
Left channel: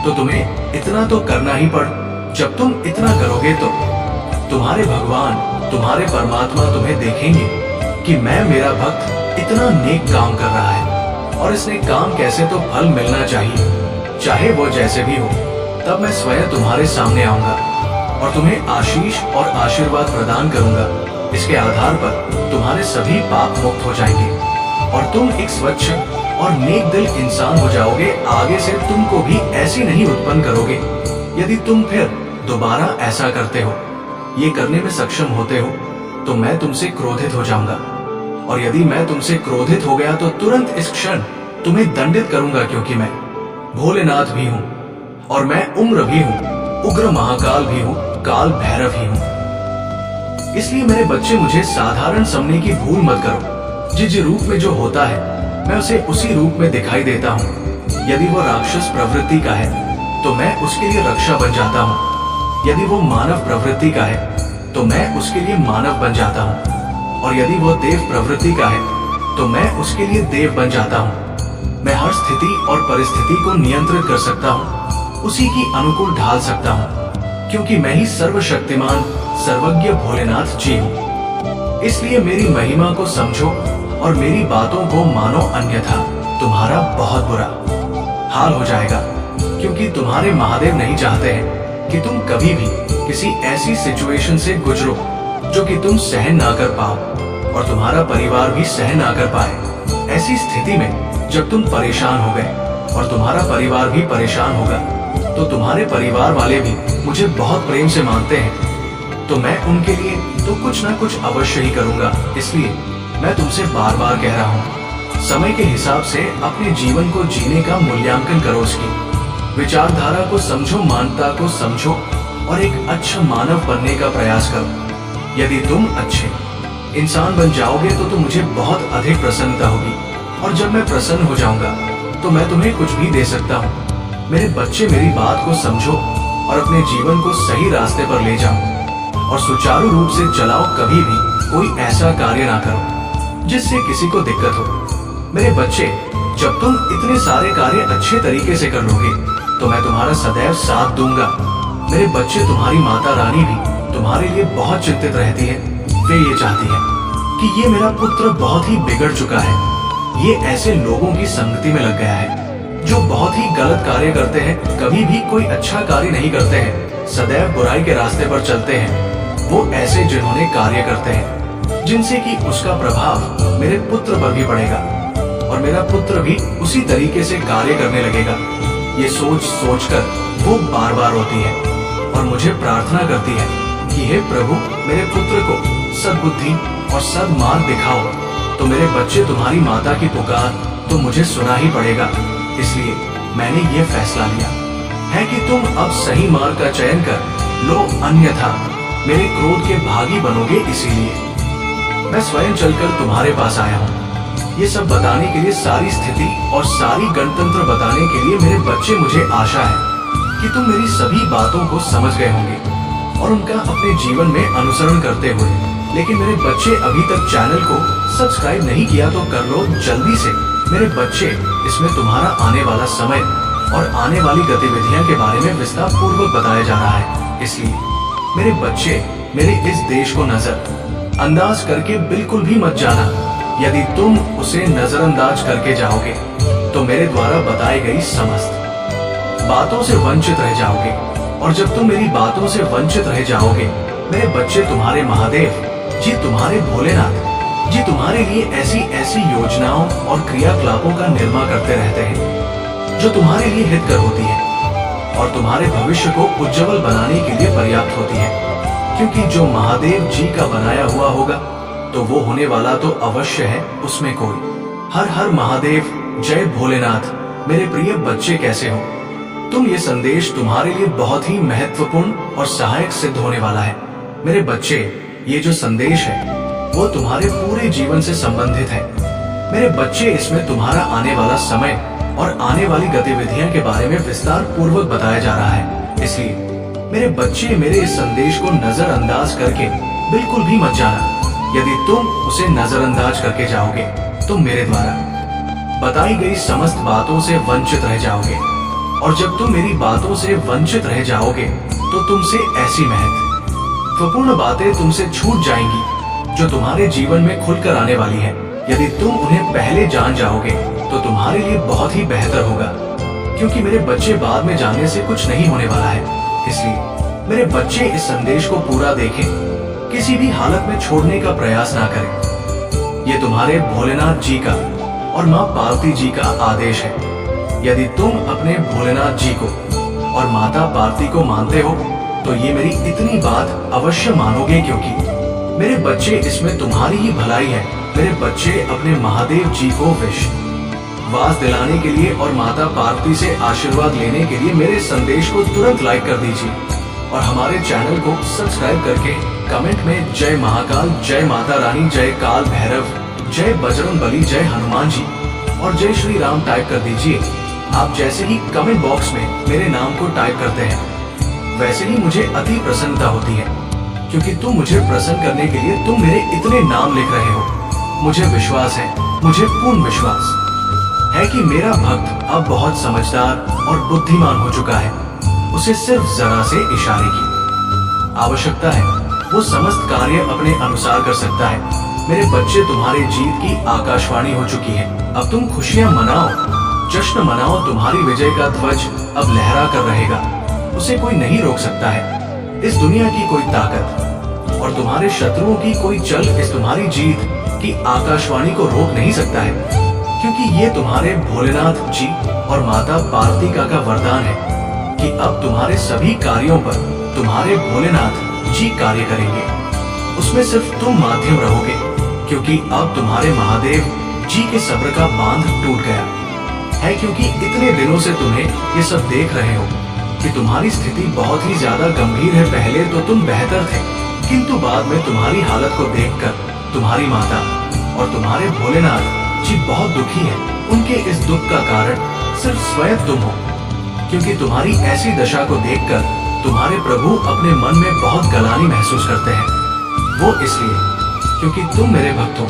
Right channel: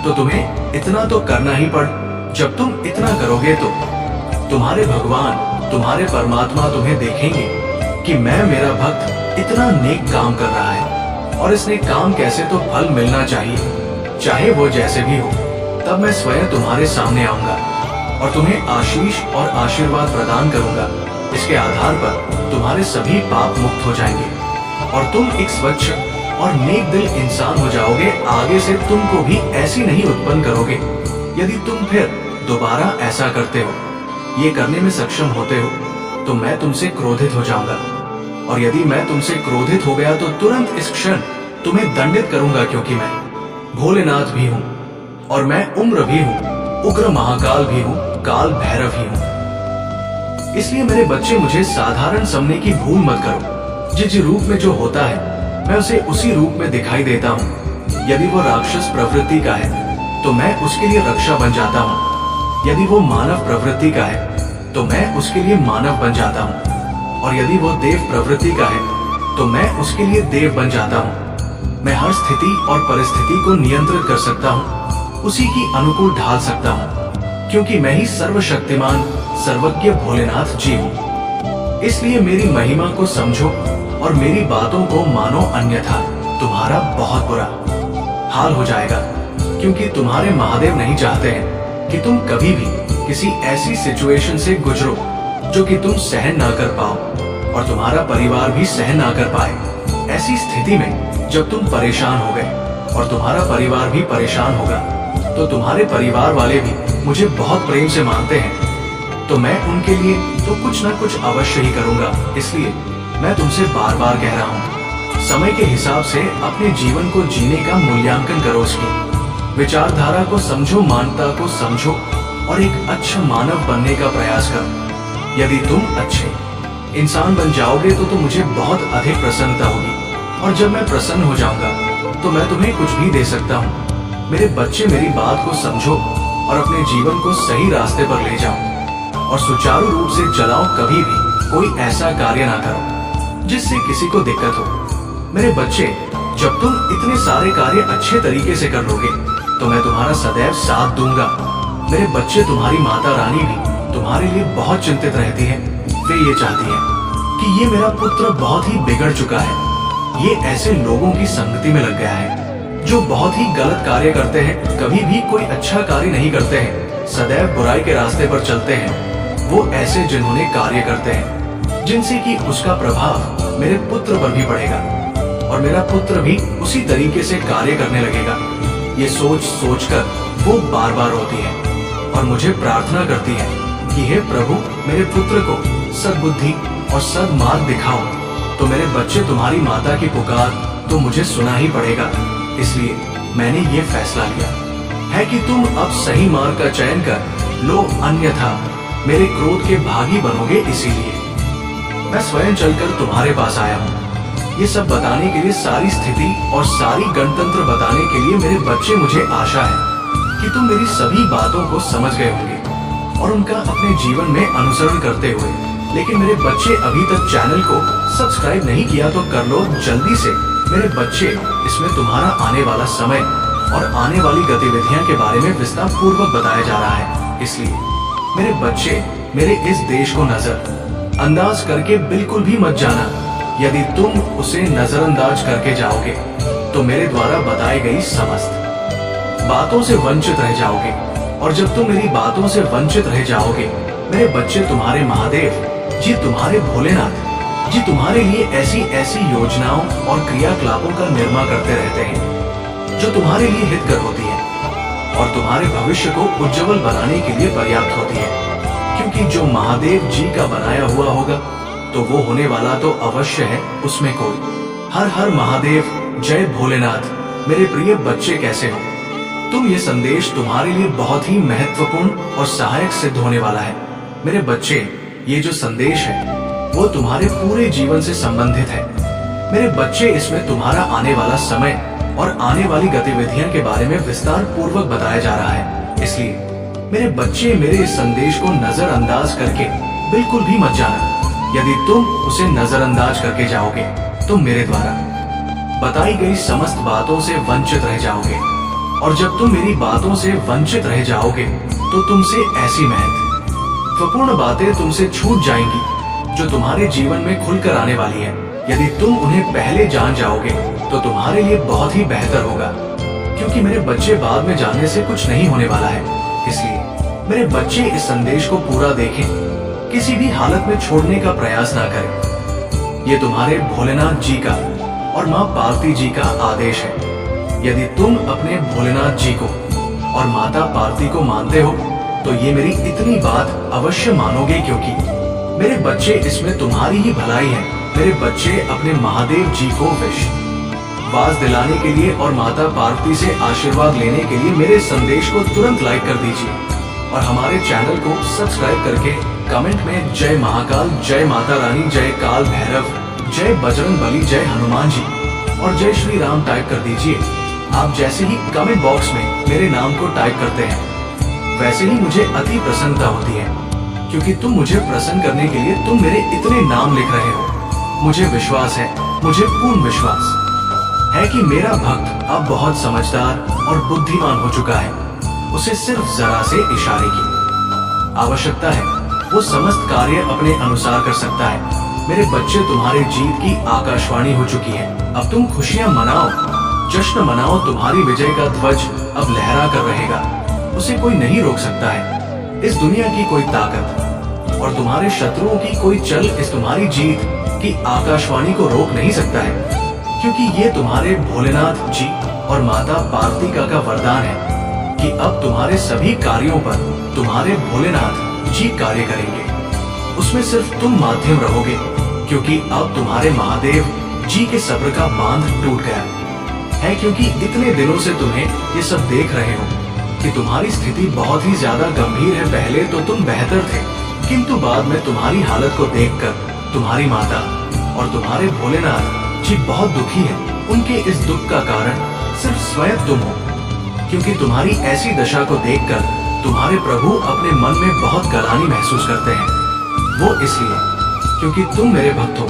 तो तुम्हें इतना तो करना ही पड़। जब तुम इतना करोगे तो तुम्हारे भगवान, तुम्हारे परमात्मा तुम्हें देखेंगे कि मैं मेरा भक्त इतना नेक काम कर रहा है, और इस नेक काम कैसे तो फल मिलना चाहिए, चाहे वो जैसे भी हो। तब मैं स्वयं तुम्हारे सामने आऊंगा और तुम्हें आशीष और आशीर्वाद प्रदान करूंगा। इसके आधार पर तुम्हारे सभी पाप मुक्त हो जाएंगे और तुम एक स्वच्छ और नेक दिल इंसान हो जाओगे। आगे से तुमको भी ऐसी नहीं उत्पन्न करोगे। यदि तुम फिर दोबारा ऐसा करते हो, ये करने में सक्षम होते हो, तो मैं तुमसे क्रोधित हो जाऊंगा। और यदि मैं तुमसे क्रोधित हो गया तो तुरंत इस क्षण तुम्हें दंडित करूंगा, क्योंकि मैं भोलेनाथ भी हूं और मैं उम्र भी हूं, उग्र महाकाल भी हूं, काल भैरव ही हूं। इसलिए मेरे बच्चे, मुझे साधारण समझने की भूल मत करो। जिस रूप में जो होता है मैं उसे उसी रूप में दिखाई देता हूं। यदि वो राक्षस प्रवृत्ति का है तो मैं उसके लिए रक्षा बन जाता हूं। यदि वो मानव प्रवृत्ति का है तो मैं उसके लिए मानव बन जाता हूं। और यदि वो देव प्रवृत्ति का है तो मैं उसके लिए देव बन जाता हूं। मैं हर स्थिति और परिस्थिति को नियंत्रित कर सकता हूं, उसी की अनुकूल ढाल सकता हूं, क्योंकि मैं ही सर्वशक्तिमान सर्वज्ञ भोलेनाथ जी हूं। इसलिए मेरी महिमा को समझो और मेरी बातों को मानो, अन्यथा तुम्हारा बहुत बुरा हाल हो जाएगा। क्योंकि तुम्हारे महादेव नहीं चाहते हैं कि तुम कभी भी किसी ऐसी सिचुएशन से गुजरो जो कि तुम सहन ना कर पाओ और तुम्हारा परिवार भी सहन ना कर पाए। ऐसी स्थिति में जब तुम परेशान हो गए और तुम्हारा परिवार भी परेशान होगा, तो तुम्हारे परिवार वाले भी मुझे बहुत प्रेम से मानते हैं, तो मैं उनके लिए तो कुछ ना कुछ अवश्य ही करूंगा। इसलिए मैं तुमसे बार बार कह रहा हूं, समय के हिसाब से अपने जीवन को जीने का मूल्यांकन करो, उसकी विचारधारा को समझो, मानवता को समझो और एक अच्छा मानव बनने का प्रयास करो। यदि तुम अच्छे इंसान बन जाओगे तो मुझे बहुत अधिक प्रसन्नता होगी, और जब मैं प्रसन्न हो जाऊंगा तो मैं तुम्हें कुछ भी दे सकता हूँ। मेरे बच्चे, मेरी बात को समझो और अपने जीवन को सही रास्ते पर ले जाओ और सुचारू रूप से चलाओ। कभी भी कोई ऐसा कार्य ना करो जिससे किसी को दिक्कत हो। मेरे बच्चे, जब तुम इतने सारे कार्य अच्छे तरीके से कर लोगे तो मैं तुम्हारा सदैव साथ दूंगा। मेरे बच्चे, तुम्हारी माता रानी भी तुम्हारे लिए बहुत चिंतित रहती है। वे ये चाहती है कि ये मेरा पुत्र बहुत ही बिगड़ चुका है, ये ऐसे लोगों की संगति में लग गया है जो बहुत ही गलत कार्य करते हैं, कभी भी कोई अच्छा कार्य नहीं करते हैं, सदैव बुराई के रास्ते पर चलते हैं। वो ऐसे जिन्होंने कार्य करते हैं जिनसे कि उसका प्रभाव मेरे पुत्र पर भी पड़ेगा और मेरा पुत्र भी उसी तरीके से कार्य करने लगेगा। ये सोच सोचकर वो बार बार रोती है और मुझे प्रार्थना करती है कि हे प्रभु, मेरे पुत्र को सद्बुद्धि और सद्मार्ग दिखाओ। तो मेरे बच्चे, तुम्हारी माता की पुकार तो मुझे सुना ही पड़ेगा। इसलिए मैंने ये फैसला लिया है कि तुम अब सही मार्ग का चयन कर लो, अन्यथा मेरे क्रोध के भागी बनोगे। इसीलिए मैं स्वयं चलकर तुम्हारे पास आया हूँ। ये सब बताने के लिए, सारी स्थिति और सारी गणतंत्र बताने के लिए मेरे बच्चे, मुझे आशा है कि तुम मेरी सभी बातों को समझ गए होंगे और उनका अपने जीवन में अनुसरण करते हुए। लेकिन मेरे बच्चे, अभी तक चैनल को सब्सक्राइब नहीं किया तो कर लो जल्दी से। मेरे बच्चे, इसमें तुम्हारा आने वाला समय और आने वाली गतिविधियां के बारे में विस्तार पूर्वक बताया जा रहा है। इसलिए मेरे बच्चे, मेरे इस देश को नजर अंदाज करके बिल्कुल भी मत जाना। यदि तुम उसे नजरअंदाज करके जाओगे तो मेरे द्वारा बताई गई समस्त बातों से वंचित रह जाओगे, और जब तुम मेरी बातों से वंचित रह जाओगे, मेरे बच्चे, तुम्हारे महादेव जी, तुम्हारे भोलेनाथ जी तुम्हारे लिए ऐसी ऐसी योजनाओं और क्रियाकलापों का निर्माण करते रहते हैं जो तुम्हारे लिए हितकर होती है और तुम्हारे भविष्य को उज्जवल बनाने के लिए पर्याप्त होती है। क्योंकि जो महादेव जी का बनाया हुआ होगा तो वो होने वाला तो अवश्य है, उसमें कोई। हर हर महादेव, जय भोलेनाथ। मेरे प्रिय बच्चे, कैसे हो तुम? ये संदेश तुम्हारे लिए बहुत ही महत्वपूर्ण और सहायक सिद्ध होने वाला है। मेरे बच्चे, ये जो संदेश है वो तुम्हारे पूरे जीवन से संबंधित है। मेरे बच्चे, इसमें तुम्हारा आने वाला समय और आने वाली गतिविधियां के बारे में विस्तार पूर्वक बताया जा रहा है। इसलिए मेरे बच्चे, मेरे इस संदेश को नजरअंदाज करके बिल्कुल भी मत जाना। यदि तुम उसे नजरअंदाज करके जाओगे तो मेरे द्वारा बताई गई समस्त बातों से वंचित रह जाओगे, और जब तुम मेरी बातों से वंचित रह जाओगे तो तुमसे ऐसी महत्वपूर्ण बातें तुमसे छूट जाएंगी जो तुम्हारे जीवन में खुलकर आने वाली है। यदि तुम उन्हें पहले जान जाओगे तो तुम्हारे लिए बहुत ही बेहतर होगा, क्योंकि मेरे बच्चे बाद में जानने से कुछ नहीं होने वाला है। इसलिए मेरे बच्चे इस संदेश को पूरा देखें, किसी भी हालत में छोड़ने का प्रयास ना करें। ये तुम्हारे भोलेनाथ जी का और माँ पार्वती जी का आदेश है। यदि तुम अपने भोलेनाथ जी को और माता पार्वती को मानते हो तो ये मेरी इतनी बात अवश्य मानोगे, क्योंकि मेरे बच्चे, इसमें तुम्हारी ही भलाई है। मेरे बच्चे अपने महादेव जी को विश्वास दिलाने के लिए और माता पार्वती से आशीर्वाद लेने के लिए मेरे संदेश को तुरंत लाइक कर दीजिए, और हमारे चैनल को सब्सक्राइब करके कमेंट में जय महाकाल, जय माता रानी, जय काल भैरव, जय बजरंग बली, जय हनुमान जी और जय श्री राम टाइप कर दीजिए। आप जैसे ही कमेंट बॉक्स में मेरे नाम को टाइप करते हैं, वैसे ही मुझे अति प्रसन्नता होती है, क्योंकि तुम मुझे प्रसन्न करने के लिए तुम मेरे इतने नाम लिख रहे हो। मुझे विश्वास है, मुझे पूर्ण विश्वास है कि मेरा भक्त अब बहुत समझदार और बुद्धिमान हो चुका है। उसे सिर्फ जरा से इशारे की आवश्यकता है, वो समस्त कार्य अपने अनुसार कर सकता है। मेरे बच्चे, तुम्हारी जीत की आकाशवाणी हो चुकी है। अब तुम खुशियां मनाओ, जश्न मनाओ। तुम्हारी विजय का ध्वज अब लहरा कर रहेगा, उसे कोई नहीं रोक सकता है। इस दुनिया की कोई ताकत और तुम्हारे शत्रुओं की कोई चल इस तुम्हारी जीत की आकाशवाणी को रोक नहीं सकता है, क्योंकि ये तुम्हारे भोलेनाथ जी और माता पार्वती का वरदान है कि अब तुम्हारे सभी कार्यों पर तुम्हारे भोलेनाथ जी कार्य करेंगे। उसमें सिर्फ तुम माध्यम रहोगे, क्योंकि अब तुम्हारे महादेव जी के सब्र का बांध टूट गया है। क्योंकि इतने दिनों से तुम्हें ये सब देख रहे हो कि तुम्हारी स्थिति बहुत ही ज्यादा गंभीर है। पहले तो तुम बेहतर थे, किंतु बाद में तुम्हारी हालत को देखकर तुम्हारी माता और तुम्हारे भोलेनाथ जी बहुत दुखी हैं। उनके इस दुख का कारण सिर्फ स्वयं तुम हो, क्योंकि तुम्हारी ऐसी दशा को देखकर तुम्हारे प्रभु अपने मन में बहुत गलानी महसूस करते हैं। वो इसलिए क्योंकि तुम मेरे भक्त हो।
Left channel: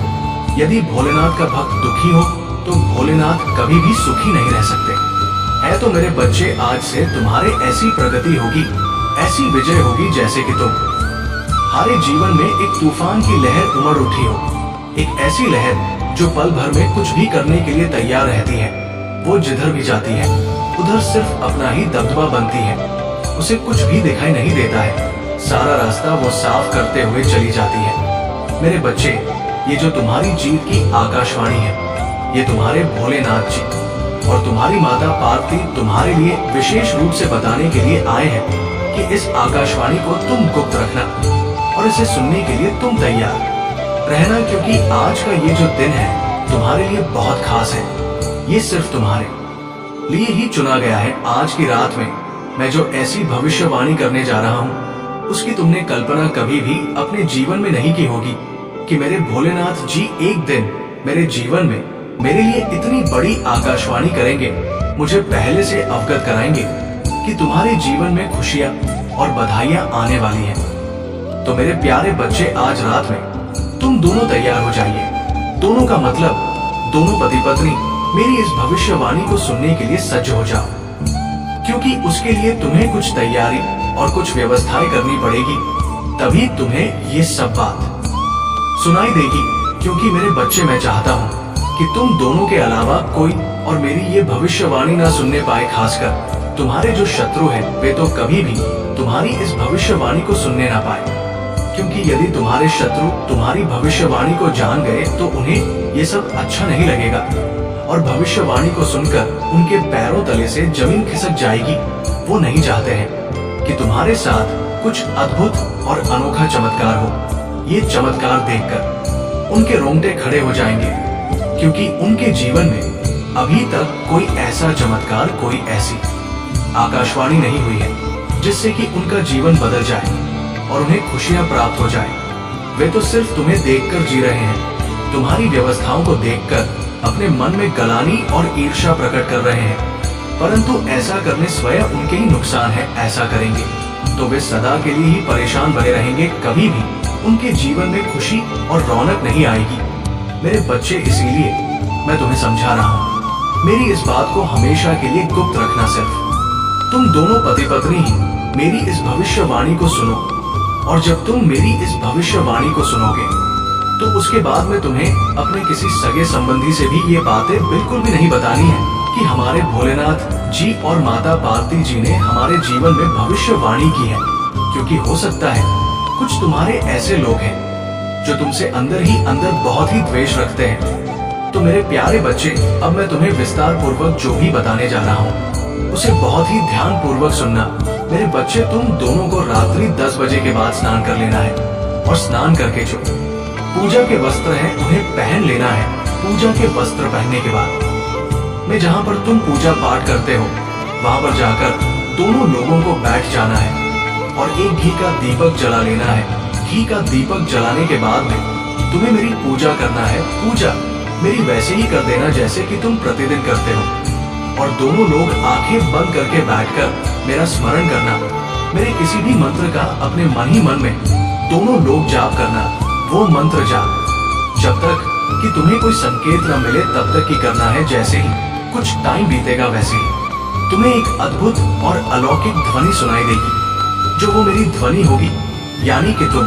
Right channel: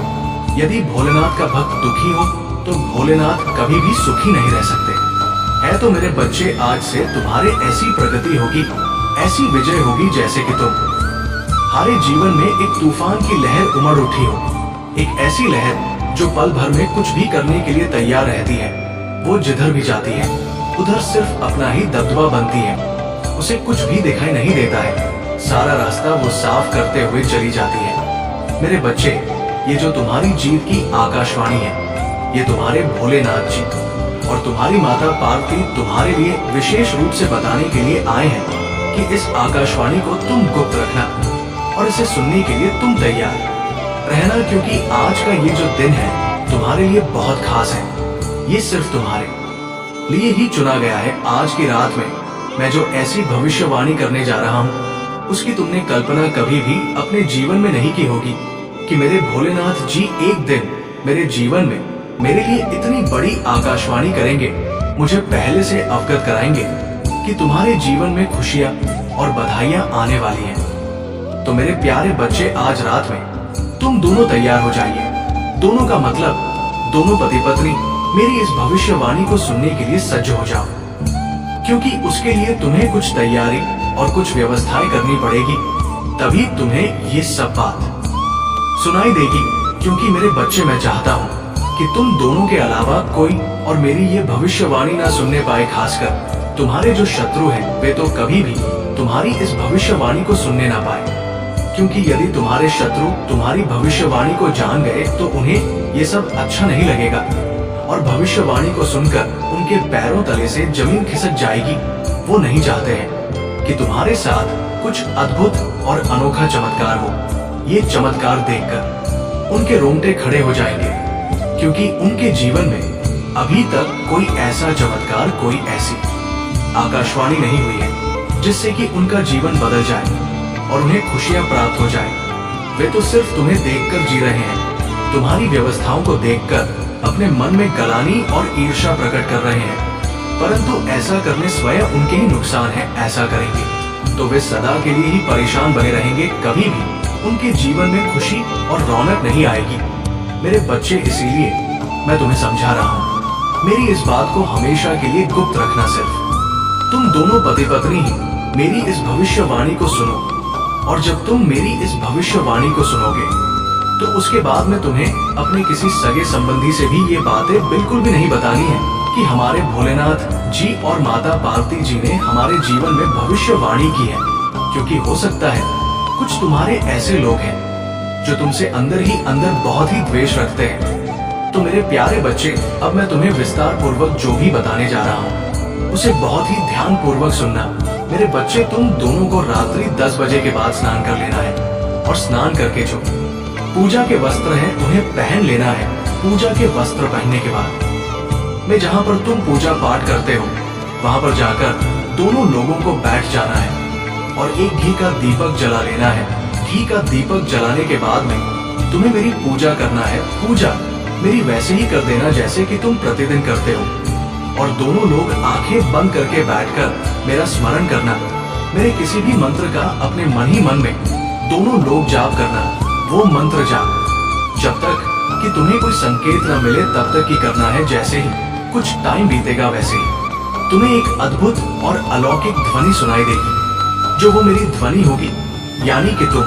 यदि भोलेनाथ का भक्त दुखी हो तो भोलेनाथ कभी भी सुखी नहीं रह सकते। है तो मेरे बच्चे, आज से तुम्हारे ऐसी प्रगति होगी, ऐसी विजय होगी जैसे कि तुम्हारे जीवन में एक तूफान की लहर उमड़ उठी हो। एक ऐसी लहर जो पल भर में कुछ भी करने के लिए तैयार रहती है। वो जिधर भी जाती है उधर सिर्फ अपना ही दबदबा बनती है, उसे कुछ भी दिखाई नहीं देता है। सारा रास्ता वो साफ करते हुए चली जाती है। मेरे बच्चे, ये जो तुम्हारी जीत की आकाशवाणी है, ये तुम्हारे भोलेनाथ जी और तुम्हारी माता पार्वती तुम्हारे लिए विशेष रूप से बताने के लिए आए हैं कि इस आकाशवाणी को तुम गुप्त रखना और इसे सुनने के लिए तुम तैयार रहना, क्योंकि आज का ये जो दिन है तुम्हारे लिए बहुत खास है। ये सिर्फ तुम्हारे लिए ही चुना गया है। आज की रात में मैं जो ऐसी भविष्यवाणी करने जा रहा हूँ, उसकी तुमने कल्पना कभी भी अपने जीवन में नहीं की होगी कि मेरे भोलेनाथ जी एक दिन मेरे जीवन में मेरे लिए इतनी बड़ी आकाशवाणी करेंगे, मुझे पहले से अवगत कराएंगे कि तुम्हारे जीवन में खुशियां और बधाइयां आने वाली हैं। तो मेरे प्यारे बच्चे, आज रात में तुम दोनों तैयार हो जाइए। दोनों का मतलब दोनों पति पत्नी मेरी इस भविष्यवाणी को सुनने के लिए सज्ज हो जाओ, क्योंकि उसके लिए तुम्हें कुछ तैयारी और कुछ व्यवस्थाएं करनी पड़ेगी, तभी तुम्हें ये सब बात सुनाई देगी। क्योंकि मेरे बच्चे, मैं चाहता हूँ कि तुम दोनों के अलावा कोई और मेरी ये भविष्यवाणी ना सुनने पाए। खासकर तुम्हारे जो शत्रु हैं, वे तो कभी भी तुम्हारी इस भविष्यवाणी को सुनने ना पाए, क्योंकि यदि तुम्हारे शत्रु तुम्हारी भविष्यवाणी को जान गए तो उन्हें ये सब अच्छा नहीं लगेगा और भविष्यवाणी को सुनकर उनके पैरों तले से जमीन खिसक जाएगी। वो नहीं चाहते हैं कि तुम्हारे साथ कुछ अद्भुत और अनोखा चमत्कार हो। ये चमत्कार देखकर उनके रोंगटे खड़े हो जाएंगे, क्योंकि उनके जीवन में अभी तक कोई ऐसा चमत्कार, कोई ऐसी आकाशवाणी नहीं हुई है जिससे कि उनका जीवन बदल जाए और उन्हें खुशियां प्राप्त हो जाए। वे तो सिर्फ तुम्हें देखकर जी रहे हैं, तुम्हारी व्यवस्थाओं को देखकर अपने मन में गलानी और ईर्ष्या प्रकट कर रहे हैं, परंतु ऐसा करने स्वयं उनके ही नुकसान है। ऐसा करेंगे तो वे सदा के लिए ही परेशान बने रहेंगे, कभी भी उनके जीवन में खुशी और रौनक नहीं आएगी। मेरे बच्चे, इसीलिए मैं तुम्हें समझा रहा हूँ, मेरी इस बात को हमेशा के लिए गुप्त रखना। सिर्फ तुम दोनों पति पत्नी ही मेरी इस भविष्यवाणी को सुनो, और जब तुम मेरी इस भविष्यवाणी को सुनोगे तो उसके बाद में तुम्हें अपने किसी सगे संबंधी से भी ये बातें बिल्कुल भी नहीं बतानी है कि हमारे भोलेनाथ जी और माता पार्वती जी ने हमारे जीवन में भविष्यवाणी की है। क्योंकि हो सकता है कुछ तुम्हारे ऐसे लोग हैं जो तुमसे अंदर ही अंदर बहुत ही द्वेष रखते हैं। तो मेरे प्यारे बच्चे, अब मैं तुम्हें विस्तार पूर्वक जो भी बताने जा रहा हूँ उसे बहुत ही ध्यान पूर्वक सुनना। मेरे बच्चे, तुम दोनों को रात्रि 10 बजे के बाद स्नान कर लेना है, और स्नान करके जो पूजा के वस्त्र हैं उन्हें पहन लेना है। पूजा के वस्त्र पहनने के बाद में जहाँ पर तुम पूजा पाठ करते हो वहां पर जाकर दोनों लोगों को बैठ जाना है और एक घी का दीपक जला लेना है। घी का दीपक जलाने के बाद में तुम्हें मेरी पूजा करना है। पूजा मेरी वैसे ही कर देना जैसे कि तुम प्रतिदिन करते हो, और दोनों लोग आंखें बंद करके बैठकर मेरा स्मरण करना। मेरे किसी भी मंत्र का अपने मन ही मन में दोनों लोग जाप करना। वो मंत्र जाप जब तक कि तुम्हें कोई संकेत न मिले तब तक ही करना है। जैसे ही कुछ टाइम बीतेगा वैसे ही तुम्हें एक अद्भुत और अलौकिक ध्वनि सुनाई देगी, जो वो मेरी ध्वनि होगी, यानी कि तुम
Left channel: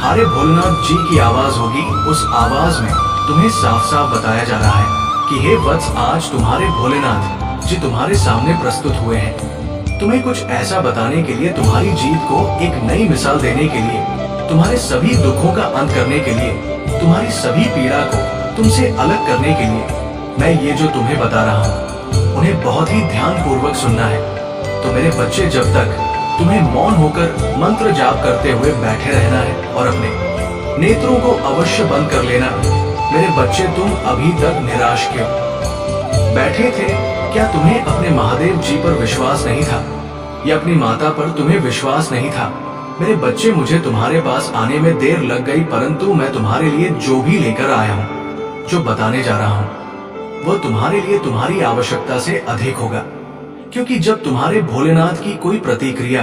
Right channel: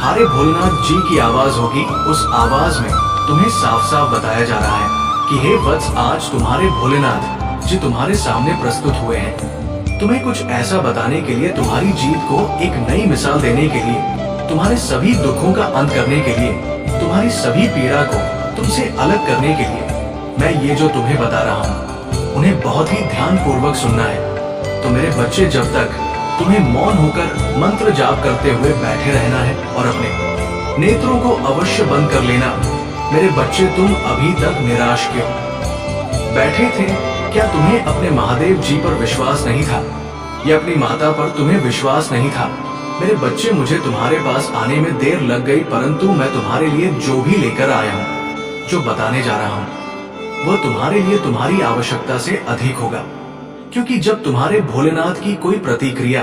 हारे भोलेनाथ जी की आवाज होगी। उस आवाज में तुम्हें साफ साफ बताया जा रहा है कि हे वत्स, आज तुम्हारे भोलेनाथ जी तुम्हारे सामने प्रस्तुत हुए हैं। तुम्हें कुछ ऐसा बताने के लिए, तुम्हारी जीत को एक नई मिसाल देने के लिए, तुम्हारे सभी दुखों का अंत करने के लिए, तुम्हारी सभी पीड़ा को तुमसे अलग करने के लिए मैं ये जो तुम्हें बता रहा हूँ उन्हें बहुत ही ध्यान पूर्वक सुनना है। तो मेरे बच्चे, जब तक तुम्हें मौन होकर मंत्र जाप करते हुए बैठे रहना है और अपने नेत्रों को अवश्य बंद कर लेना। मेरे बच्चे, तुम अभी तक निराश क्यों बैठे थे? क्या तुम्हें अपने महादेव जी पर विश्वास नहीं था, या अपनी माता पर तुम्हें विश्वास नहीं था? मेरे बच्चे, मुझे तुम्हारे पास आने में देर लग गई, परंतु मैं तुम्हारे लिए जो भी लेकर आया हूँ, जो बताने जा रहा हूँ, वो तुम्हारे लिए तुम्हारी आवश्यकता से अधिक होगा। क्योंकि जब तुम्हारे भोलेनाथ की कोई प्रतिक्रिया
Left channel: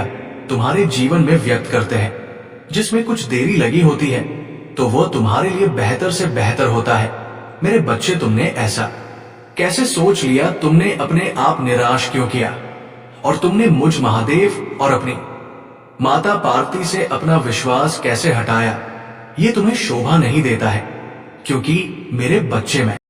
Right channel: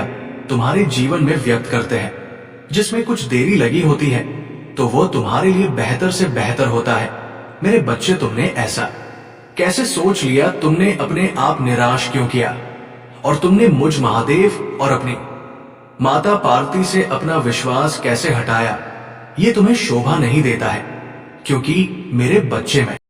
तुम्हारे जीवन में व्यक्त करते हैं जिसमें कुछ देरी लगी होती है, तो वो तुम्हारे लिए बेहतर से बेहतर होता है। मेरे बच्चे, तुमने ऐसा कैसे सोच लिया? तुमने अपने आप निराश क्यों किया? और तुमने मुझ महादेव और अपनी माता पार्वती से अपना विश्वास कैसे हटाया? ये तुम्हें शोभा नहीं देता है, क्योंकि मेरे बच्चे, मैं